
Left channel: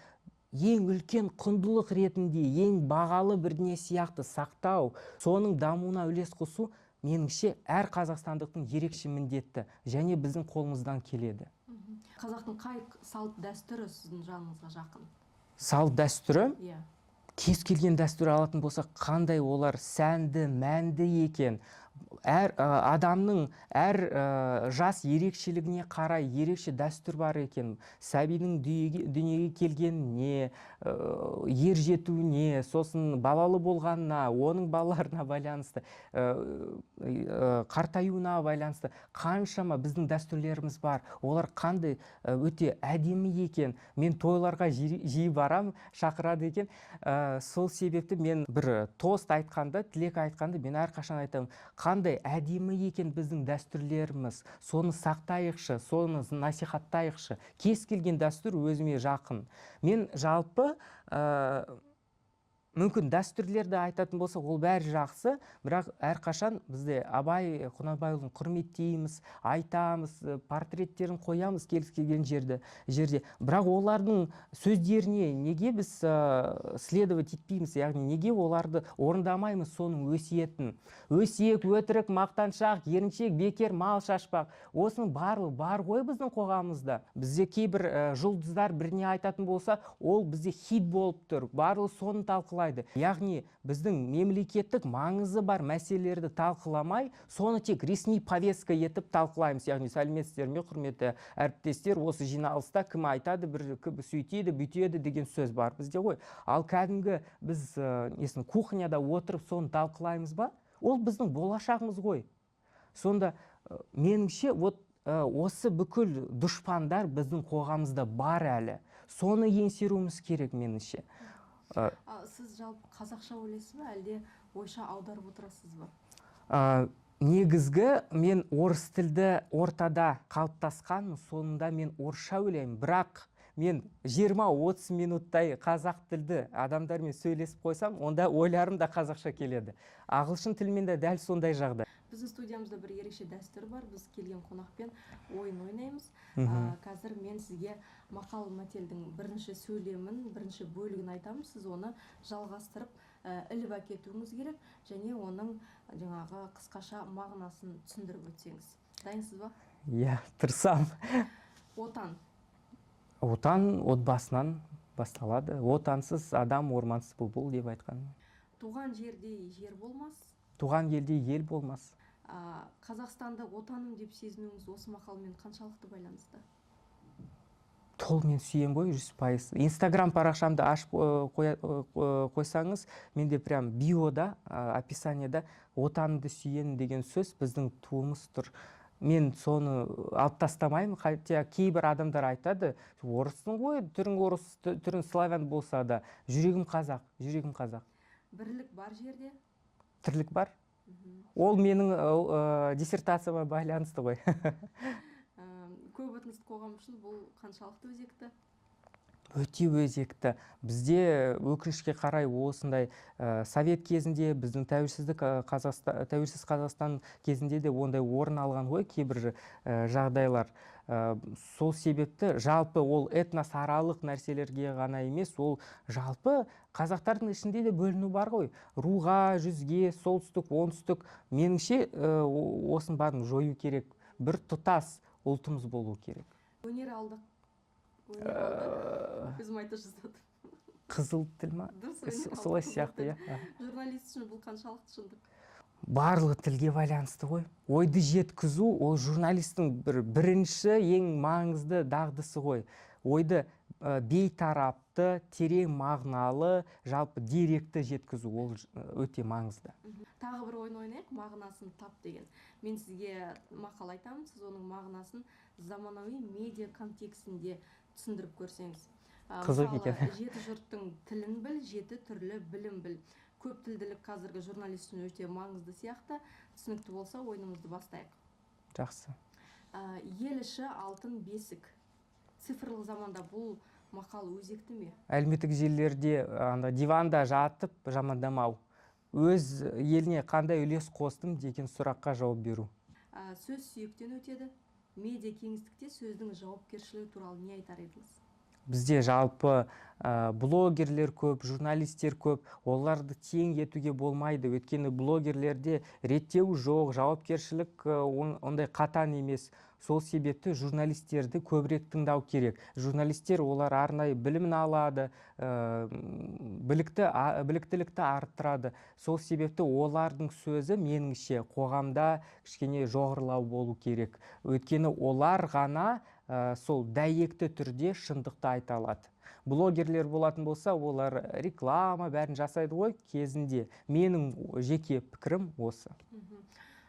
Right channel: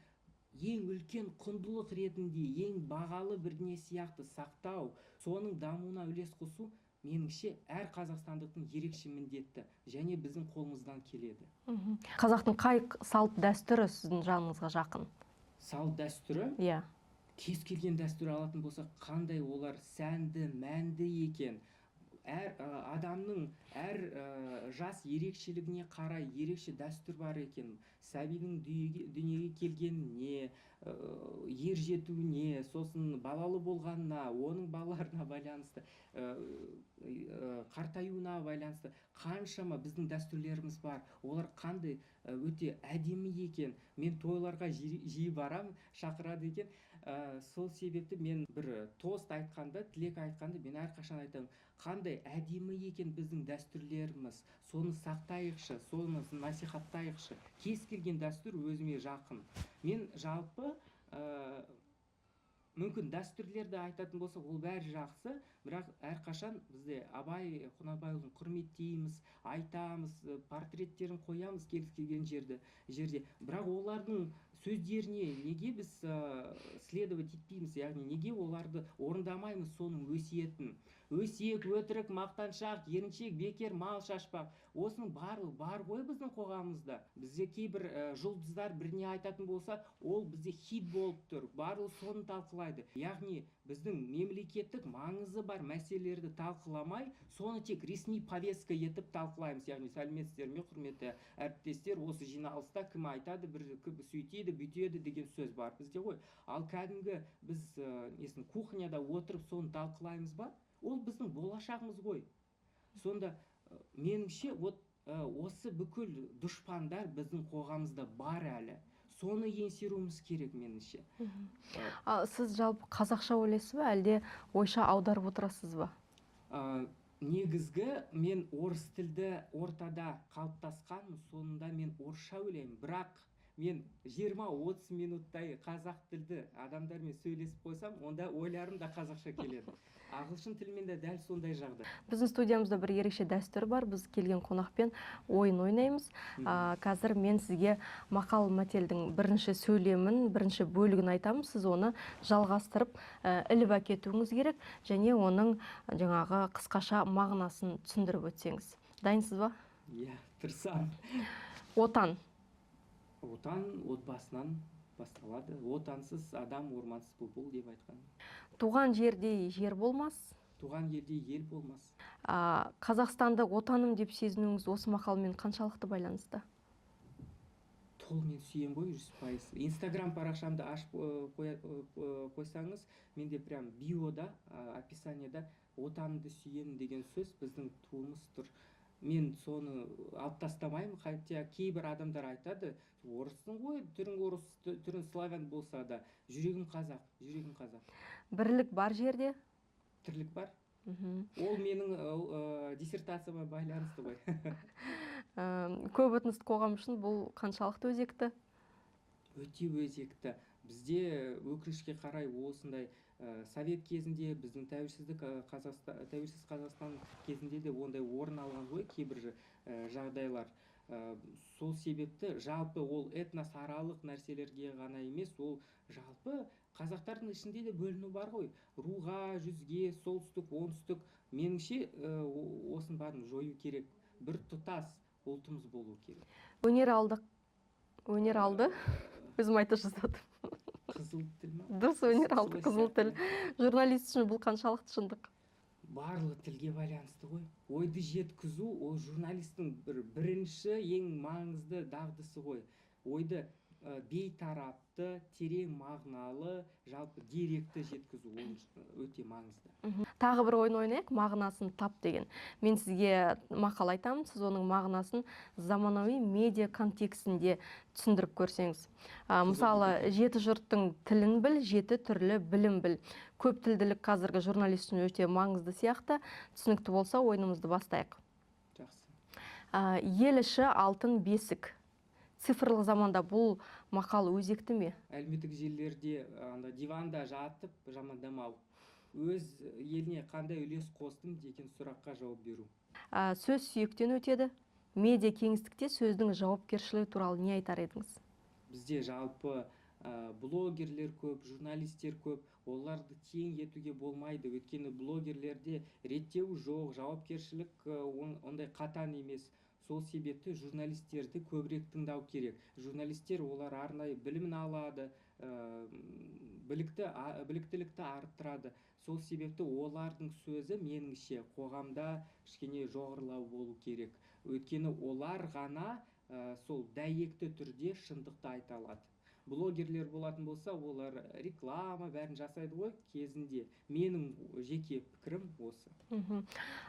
ең үлкен құндылық ретінде, ең бағалы бірдеңе сияқты сақтау, соның дамуына үлес қосу, меніңше әр қазақстандықтың ерекше міндеті, және біздің қолымыздан келеді. Қазақтың қай салт дәстүрі сіздің жаныңызға жақын? Салт дәстүрі? Иә. Кез келген дәстүр алатын болса, қандай олар сәнді, мәнді екен. Әр адамның әр жас ерекшелігіне қарай ерекше дәстүр бар екен. Сәбидің дүниеге келгеніне, ер жетуіне, сосын балалы болғанына, оның балаларына байланысты, қартаюына байланысты қаншама біздің дәстүрлеріміз бар. Олар қандай өте әдемі екен. Мен тойларға жиі барам, шақырады екен. Сол себепті мен бір тост айтқанда, тілек айтқанда, мен әрқашан айтамын, қандай әдемі екен біздің дәстүрлеріміз, соны сақтайықшы, соны насихаттайықшы. Кез келген дәстүр өзіме жақын. Мен жалпы мүмкін дәстүрлерді айтатын болсақ, ол бәрі жақсы, бірақ әрқашан бізде Абай Құнанбайұлын құрметтейміз, айтамыз, портреттерін қоямыз келген жерде. Бірақ олардың сөздеріне неге біз следовать етпейміз, яғни неге оларды орындамаймыз соның өсиетін? Өсиет, өтірік, мақтаншақ, еріншек, бекер, мал шашпақ. Осының барлығы бар ғой біздің қоғамымызда. Бізде кейбір жұлдыздар біріне айтатын болса, ол бізде хит болып тұр. Барлығы соны талқылайды. Яғни біздің мемлекеттік маңызы бар мәселелерді талқыламай, соны тек ресми повестка етіп талқылаймыз. Яғни сәлеметсіздер ме, құрметті әріптестер, осы жиналыста кім айтады, бір сөйтеді, бүйтеді деген сөз бар бізде ғой. Ал кәдімгі біз кухняда отырып соны талқылаймыз ба? Ол біздің болашағымыз ғой. Сонда меніңше осы бүкіл дұшпандар біздің қоғамымызда бар әлі. Соны еңсеруіміз керек меніңше. Сіз жалпы қазақша ойлайсыз ба, әлде ойша аударып отырасыз ба? Негізгі мен орыс тілді ортада қалыптасқан, соңында мен орысша ойлаймын. Бірақ мен 20-30 минуттай қазақ тілді адамдармен сөйлесіп қойсам, онда ойларым да қазақша келеді. Ағылшын тілмен де дәл сондай жағдай. Біздің студиямызда бір ерекше дәстүр бар. Біз келген қонақпен ойын ойнаймыз. Қазір мен сізге мақал мәтелдің бірінші сөйлемін, бірінші бөлігін айтамын. Сіз оны жалғастырып іліп әкетуіңіз керек, және оның жаңағы қысқаша мағынасын түсіндіріп өтсеңіз. Дайынсыз ба? Иә, тырысам. Отан. Отан отбасынан басталады. Отансыз адам ормансыз бұлбұл деп айтқан. Туған жердей жер болмас. Туған елде ел болмас. Қазақстанды отаным деп сезінуіңіз осы мақалмен қаншалықты байланысты? Толмен сүйем ғой, 100%. Инстаграм парақшамды ашып қойсаңыз, менде прям биода, описаниеда отанды сүйен деген сөз біздің туымыз тұр. Мен соны алып тастамаймын, хотя кейбір адамдар айтады, орыссың ғой, түрің орыс, түрің славян болса да, жүрегім қазақ. Бірлік бар жерде? Тірлік бар. Ол менің диссертацияма байланысты ғой. Көп этностық қоғам үшін бұл қаншалықты өзекті? Өте өзекті. Бізде өкінішке қарай осындай совет кезінде, біздің тәуелсіз Қазақстан кезінде де ондай орын алған ғой кейбір жағдайлар. Сол себепті жалпы ол этносаралық нәрселерге ғана емес, ол жалпы қазақтардың ішінде де бөліну бар ғой. Руға, жүзге, солтүстік, оңтүстік. Меніңше осын барын жою керек. Бір тұтас ұлтымыз болу керек. Өнер алды. Өзім айта жаздадым. Қызыл тіл ма? Дұрыс, өнер алды, қызыл тіл. Журналист үшін бұл қаншалықты шындық? Барлығы тілге байланысты ғой. Ойды жеткізу ол журналистің бірінші ең маңызды дағдысы ғой. Ойды бейтарапты, терең мағыналы, жалпы деректі жеткізу ол өте маңызды. Тағы бір ойын ойнайық, мағынасын тап деген. Мен сізге мақал айтамын, сіз оның мағынасын заманауи медиа контекстінде түсіндіріп көрсеңіз. Мысалы, 7 жұрттың тілін біл, 7 түрлі білім біл. Көп тілділік қазіргі журналист үшін өте маңызды сияқты. Түсінікті болса, ойынымызды бастайық. Жақсы. Ел іші алтын бесік. Цифрлық заманда бұл мақал өзекті ме? Әлеуметтік желілерде диванда жатып жамандамау. Өз еліне қандай үлес қостым деген сұраққа жауап беру. Сөз сүйектен өтеді. Медиа кеңістікте сөздің жауапкершілігі туралы не айтар едіңіз? Бізде жалпы блогерлер көп, журналистер көп, оларды тең етуге болмайды. Өйткені блогерлерде реттеу жоқ, жауапкершілік ондай қатаң емес. Сол себепті журналистерді көбірек тыңдау керек. Журналистер олар арнайы білімін алады, біліктілікті арттырады. Сол себепті олардың сөзі меніңше қоғамда кішкене жоғарылау болу керек. Өйткені олар ғана сол дәйекті түрде шындықты айта алады. Блогерлер болатын болса, олар реклама бәрін жасайды ғой кезінде. Менің жеке пікірім осы.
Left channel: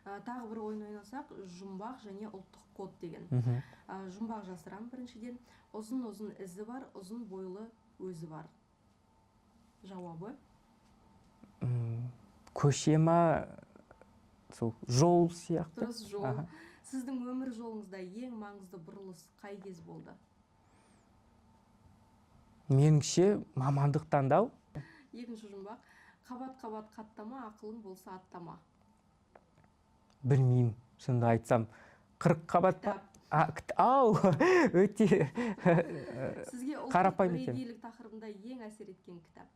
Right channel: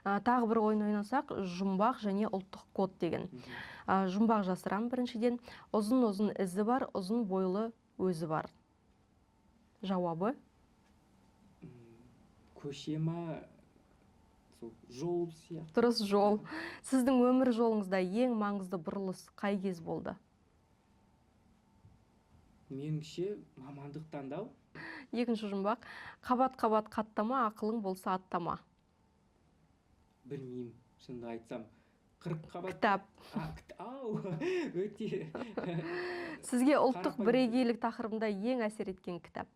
Тағы бір ойын ойнасақ, жұмбақ және ұлттық код деген. Жұмбақ жасырам біріншіден. Ұзын ізі бар, ұзын бойлы өзі бар. Жауабы? Көше ма, жол сияқты. Дұрыс, жол. Сіздің өмір жолыңызда ең маңызды бұрылыс қай кез болды? Меніңше мамандық таңдау. Екінші жұмбақ. Қабат-қабат қаттама, ақылың болса аттама. Білмеймін, шынымды айтсам. 40 қабат. Кітап. Ау, өте. Сізге ұлттық Қарапайым екен. бірегейлік тақырыбында ең әсер еткен кітап?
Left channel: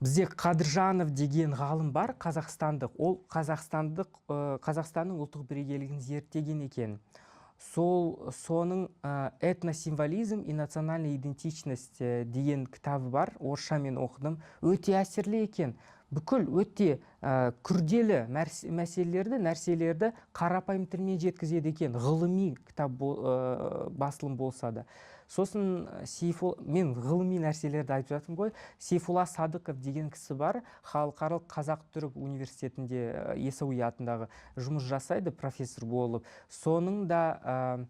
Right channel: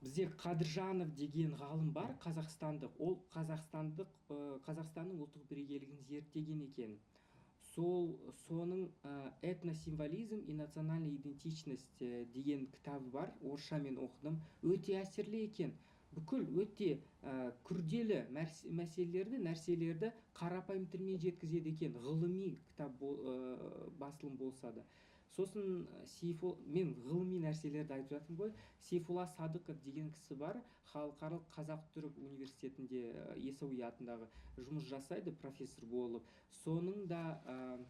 Бізде Қадыржанов деген ғалым бар, қазақстандық. Ол Қазақстанның ұлттық бірегейлігін зерттеген екен. Соның этносимволизм и национальная идентичность деген кітабы бар. Орысшамен оқыдым. Өте әсерлі екен. Бүкіл өте күрделі нәрселерді қарапайым тілмен жеткізеді екен. Ғылыми кітап басылым болса да. Сосын мен ғылыми нәрселерді айтып жатырмын ғой. Сейфулла Садықов деген кісі бар. Халықаралық Қазақ-Түрік университетінде Яссауи атындағы жұмыс жасайды, профессор болып. Соның да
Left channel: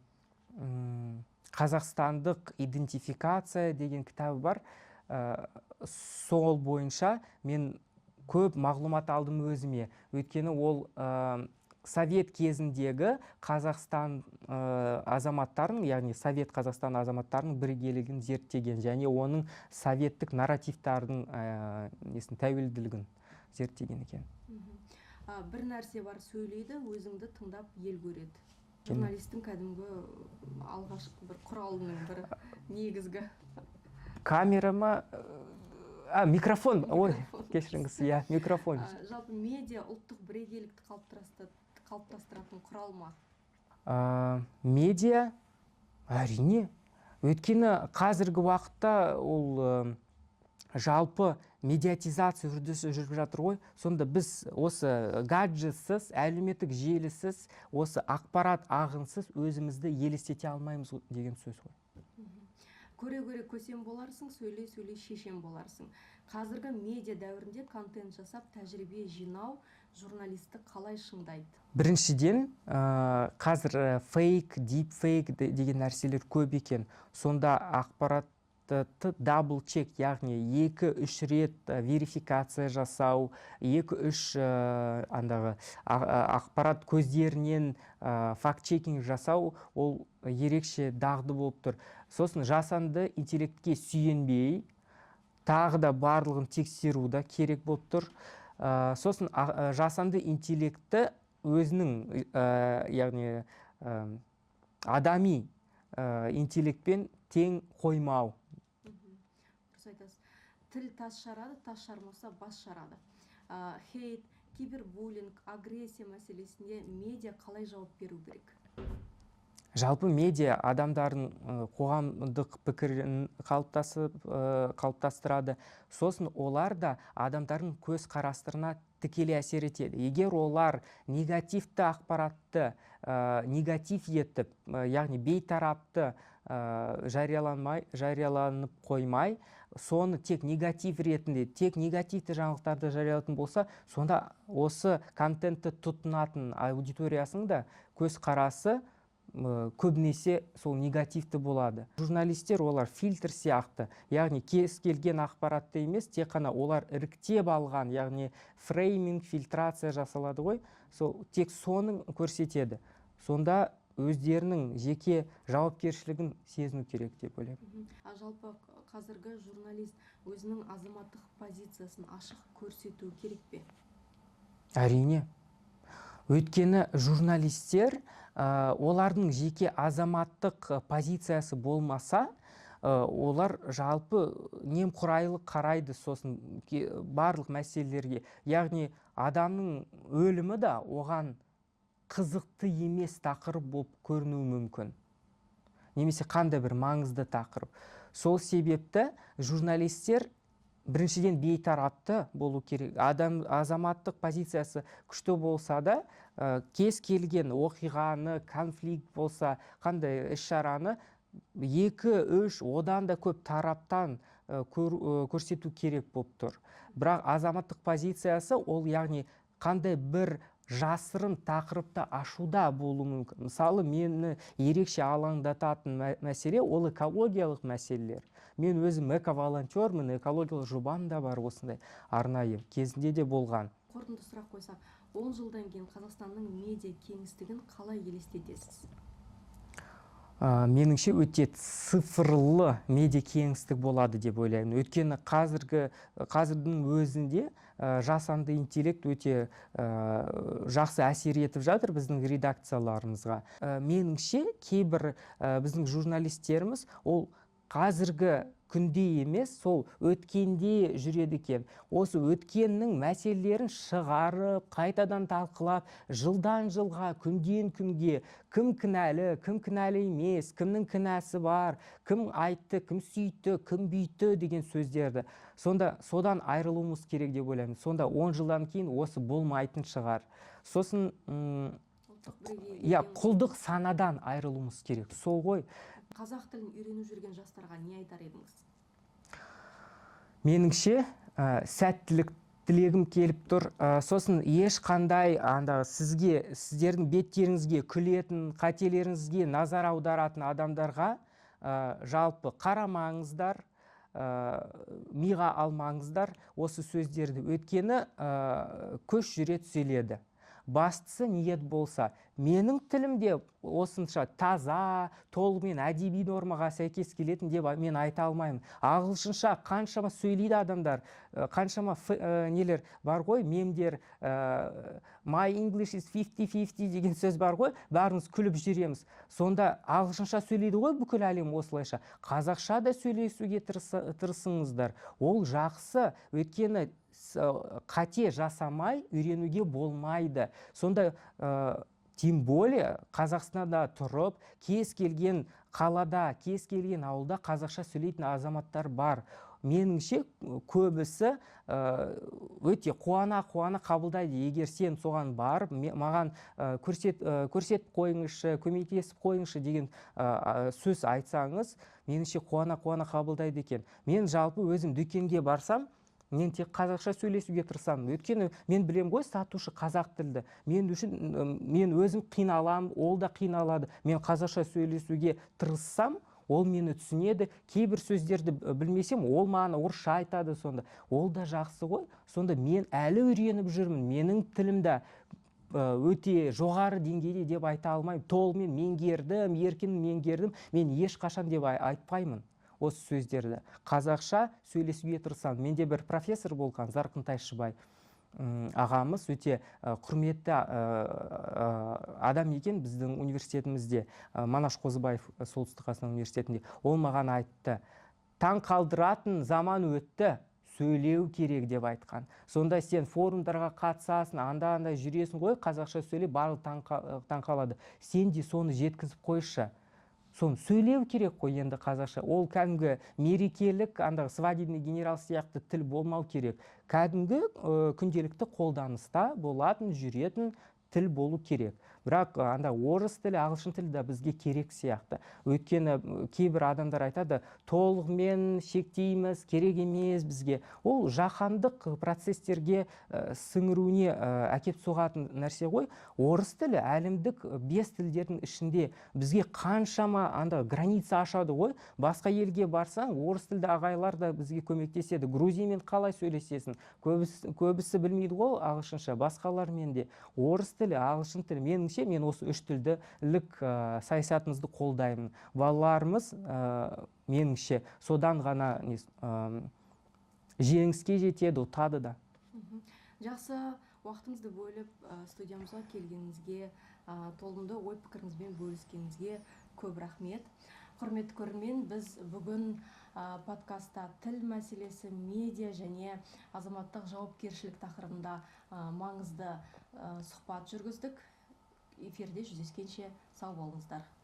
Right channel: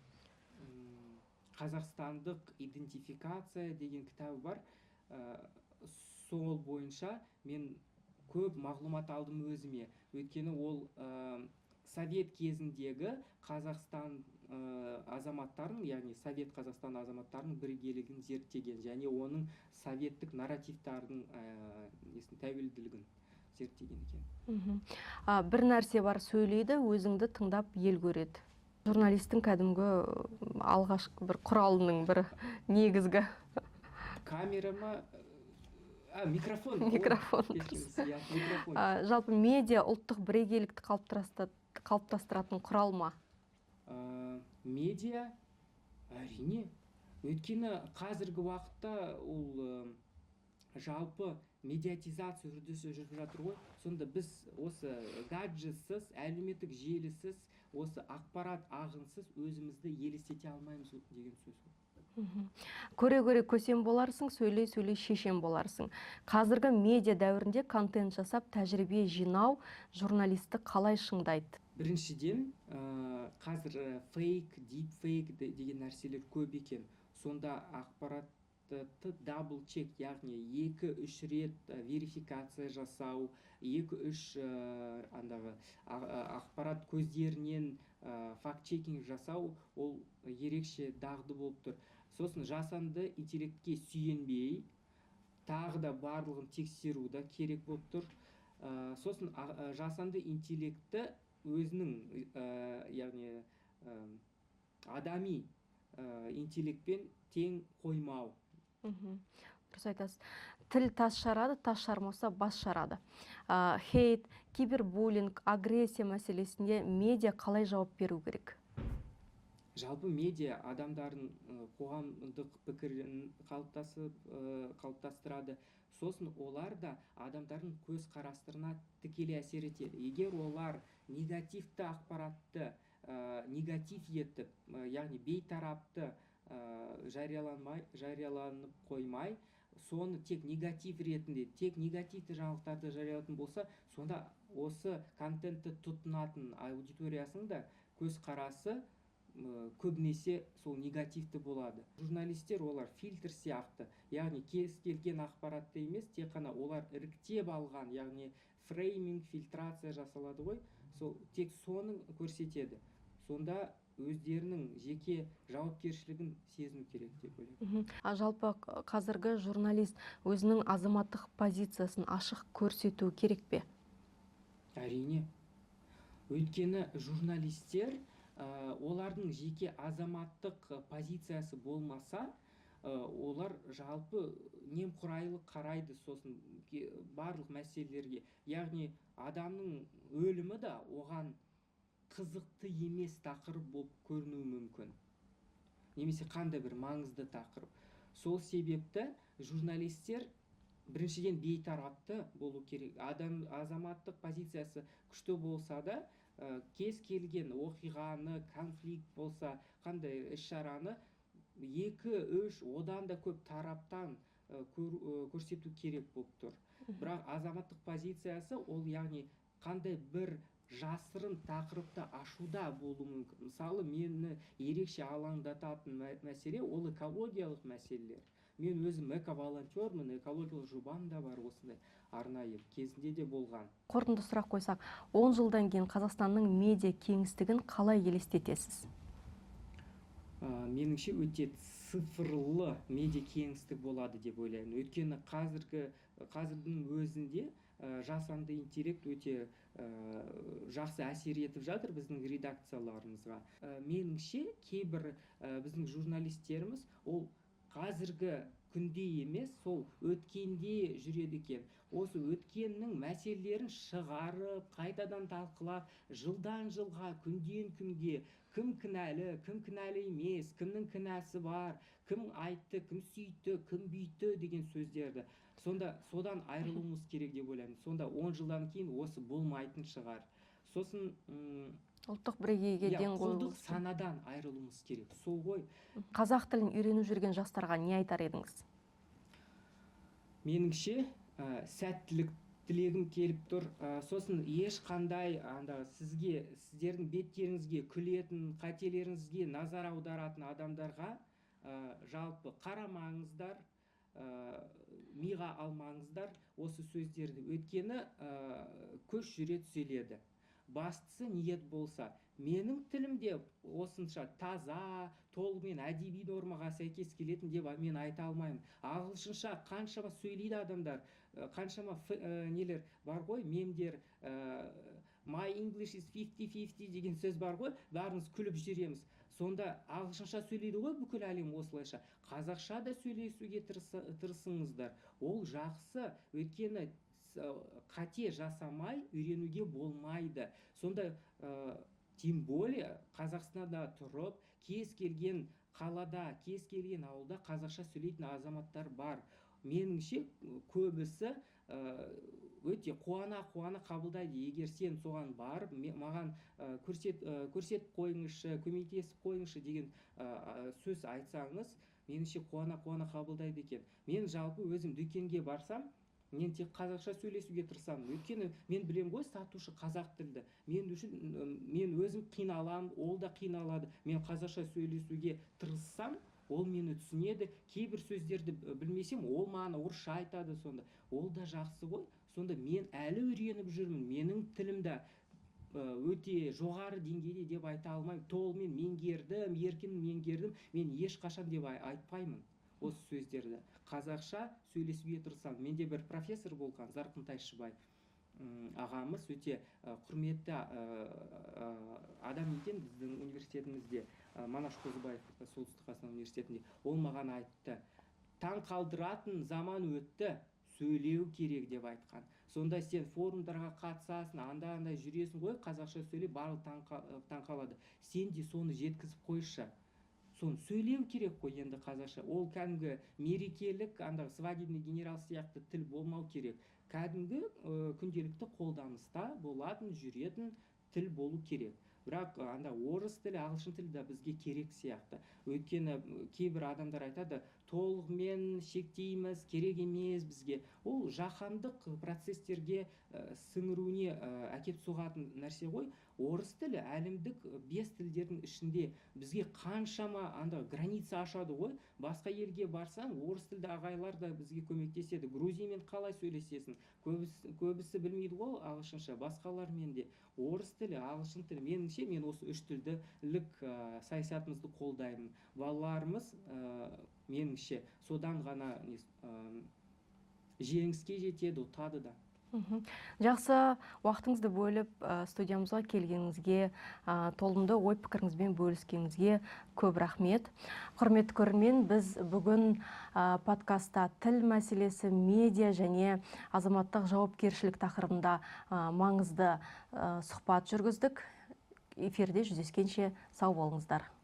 қазақстандық идентификация деген кітабы бар. Сол бойынша мен көп мағлұмат алдым өзіме. Өйткені ол Совет кезіндегі Қазақстан азаматтарын, яғни Совет Қазақстан азаматтарының бірегейлігін зерттеген және оның советтік нарративтардың тәуелділігін зерттеген екен. Бір нәрсе бар, сөйлейді, өзіңді тыңдап ел көреді. Журналистің кәдімгі алғашқы бір құралының бірі, негізгі. Камера ма? Микрофон. Кешіріңіз, микрофон. Жалпы медиа ұлттық бірегейлікті қалыптастыратын құрал ма? Медиа әрине. Өйткені қазіргі уақытта ол жалпы медиатизация үрдісі жүріп жатыр ғой. Сонда біз осы гаджетсіз, әлеуметтік желісіз, осы ақпарат ағынсыз өзімізді елестете алмаймыз деген сөз ғой. Көре-көре көсем боларсың, сөйлей-сөйлей шешен боларсың. Қазіргі медиа дәуірінде контент жасап, тәжірибе жинау журналисті қалай шыңдайды? Біріншіден, қазір фейк, дипфейк деген нәрселер көп екен. Сонда ақпаратты дабл чек, яғни 2-3 рет верификация жасау, 2-3 ақпарат көздерінен факт-чекинг жасау, ол ерекше дағды болып тұр. Сосын жасанды интеллектке сүйенбей, тағы да барлығын тексеру да керек болып тұр. Сосын жасанды интеллектті өзінің, яғни адами интеллектпен тең қоймау. Дұрыс айтасыз. Тіл тас жарады, тас жармаса бас жарады. Хейт, кибербуллинг, агрессия мәселесінде медиа қалай жауап беру керек? Жалпы медиа адамдардың қоғамдық пікірін қалыптастырады. Сосын олар да адамдардың көз қарастырына тікелей әсер етеді. Егер олар негативті ақпаратты негатив етіп, яғни бейтарапты жарияланып қоймай, соны тек негатив ретінде, тек негативті жаңалықтарды жариялатын болса, сонда осы контентті тұтынатын аудиториясының да көз қарасы көбінесе сол негативті болады. Журналистер олар фильтр сияқты, яғни кез келген ақпаратты емес, тек қана олар іріктеп алған, яғни фрейминг, фильтрация жасалады ғой, тек соның көрсетеді. Сонда өздерінің жеке жауапкершілігін сезіну керек деп ойлаймын. Жалпы қазіргі журналист өзінің азаматтық позициясын ашық көрсету керек пе? Әрине. Өйткені журналистер олардың жеке азаматтық позициясы болмаса, олар жалпы немқұрайлы қарайды сосын барлық мәселелерге. Яғни адамның өлімі да оған қызықты емес тақырып болып көрінуі мүмкін. Немесе қандай бір маңызды тақырып. Сол себепті журналистер біріншіден бейтарапты болу керек. Азаматтық позициясы күшті болса да, кез келген оқиғаны, конфликт болса, қандай іс-шараны 2-3 одан да көп тараптан көрсету керек болып тұр. Бірақ азаматтық позициясы ол яғни қандай бір жасырын тақырыпты ашуда болуы мүмкін. Мысалы, мені ерекше алаңдататын мәселе ол экологиялық мәселелер. Мен өзім эко-волонтермін, экологиялық жобам да бар осындай арнайы кезінде де болған. Қорытынды сұрақ қойсақ, 10 жылдан кейін Қазақстанның медиа кеңістігін қалай елестетесіз? Меніңше өте цифрлы медиа кеңістік болады деп ойлаймын. Өйткені қазірдің өзінде жасанды интеллект өте жақсы әсер етіп жатыр біздің редакцияларымызға. Меніңше кейбір біздің журналистеріміз ол қазіргі күнде емес, сол өткенде жүреді екен. Осы өткеннің мәселелерін шығарып, қайтадан талқылап, жылдан жылға, күнден күнге кім кінәлі емес, кімнің кінәсі бар, кім айтты, кім сөйтті, кім бүйтті деген сөздерді. Содан айырылуымыз керек деп ойлаймын. Сонда 10 жылдан кейін осы болмайтын шығар. Сосын ұлттық бірегейге құлдық санадан айырылуымыз керек. Сол ғой. Қазақ тілін үйреніп жүрген жастарға не айтар едіңіз? Меніңше, сәттілік тілегім келіп тұр. Сосын ешқандай сіздердің беттеріңізге күлетін, қателеріңізге назар аударатын адамдарға жалпы қарамаңыздар, миға алмаңыздар осы сөздерді. Өйткені көш жүре түзеледі. Бастысы ниет болса, менің тілімде осынша таза, толығымен әдеби нормаға сәйкес келетін деп мен айта алмаймын. Ағылшынша қаншама сөйлейді адамдар, қаншама нелер бар ғой, мемдер, my English is 50-50 деген сөз бар ғой, бәріміз күліп жүреміз. Сонда ағылшынша сөйлейді ғой бүкіл әлем осылайша. Қазақша да сөйлесуге тырысыңыздар. Ол жақсы, өйткені қате жасамай үйренуге болмайды. Сонда тем более Қазақстанда тұрып, кез келген қалада, кез келген ауылда қазақша сөйлейтін азаматтар бар. Меніңше көбісі өте қуана қабылдайды. Егер сен соған барып, маған көрсетіп қойыңызшы, көмектесіп қойыңызшы деген сөз айтсаңыз, меніңше қуана қабылдайды екен. Мен жалпы өзім дүкенге барсам, мен тек қазақша сөйлесуге тырысамын. Өйткені мен білем ғой, сатушы қазақ тілді. Мен өзім қиналам, ол да қиналады. Мен қазақша сөйлесуге тырыссам, ол мені түсінеді. Кейбір сөздерді білмесем, ол маған орысша айтады сонда. Ол да жақсы ғой. Сонда мен әлі үйреніп жүрмін. Менің тілімді өте жоғары деңгейде деп айта алмаймын. Толығымен меңгердім, еркін меңгердім. Мен ешқашан деп айтпаймын осы сөздерді. Қазақша сөйлесуге тырысамын. Менде бір профессор болған, Зарқын Тайшыбай ағамыз, өте құрметті адам екен біздің университетімізде, Манаш Қозыбаев Солтүстік Қазақстан университетінде. Ол маған айтты, таң қалдыратын заман өтті, сөйлеу керек деп айтқан. Сонда сен форумдарға қатысасың, анда жүресің ғой, қазақша сөйлеп, барлық таң қалады. Сен де соны жеткізіп қойшы. Соны сөйлеу керек қой енді қазақша. Ол кәдімгі мерекелік, свадебный генерал сияқты тіл болмау керек. Кәдімгі күнделікті қолданыста болатын, жүретін тіл болу керек. Бірақ орыс тілі, ағылшын тілі де бізге керек сияқты. Өйткені кейбір адамдар айтады, толығымен шектейміз, керек емес бізге. Ол жаһандық процестерге сіңіруіне әкеп соғатын нәрсе ғой. Орыс тілі әлемдік 5 тілдердің ішінде бізге қаншама граница ашады ғой. Басқа елге барсаң, орыс тілді ағайлар да бізге көмектеседі. Грузиямен қалай сөйлесесің? Көбісі білмейді ғой ағылшынша, басқалармен де. Орыс тілі, ағылшын тілі. Мен осы 3 тілділік саясатымызды қолдаймын. Балаларымыз меніңше содан ғана жеңіске жетеді, ұтады да. Жақсы, уақытыңызды бөліп студиямызға келгеніңізге, толымды ой пікіріңізбен бөліскеніңізге көп рахмет. Құрметті көрермен, біз бүгін подкастта тіл мәселесі, медиа және азаматтық жауапкершілік тақырыбында маңызды сұхбат жүргіздік. Эфирде жүздескенше сау болыңыздар.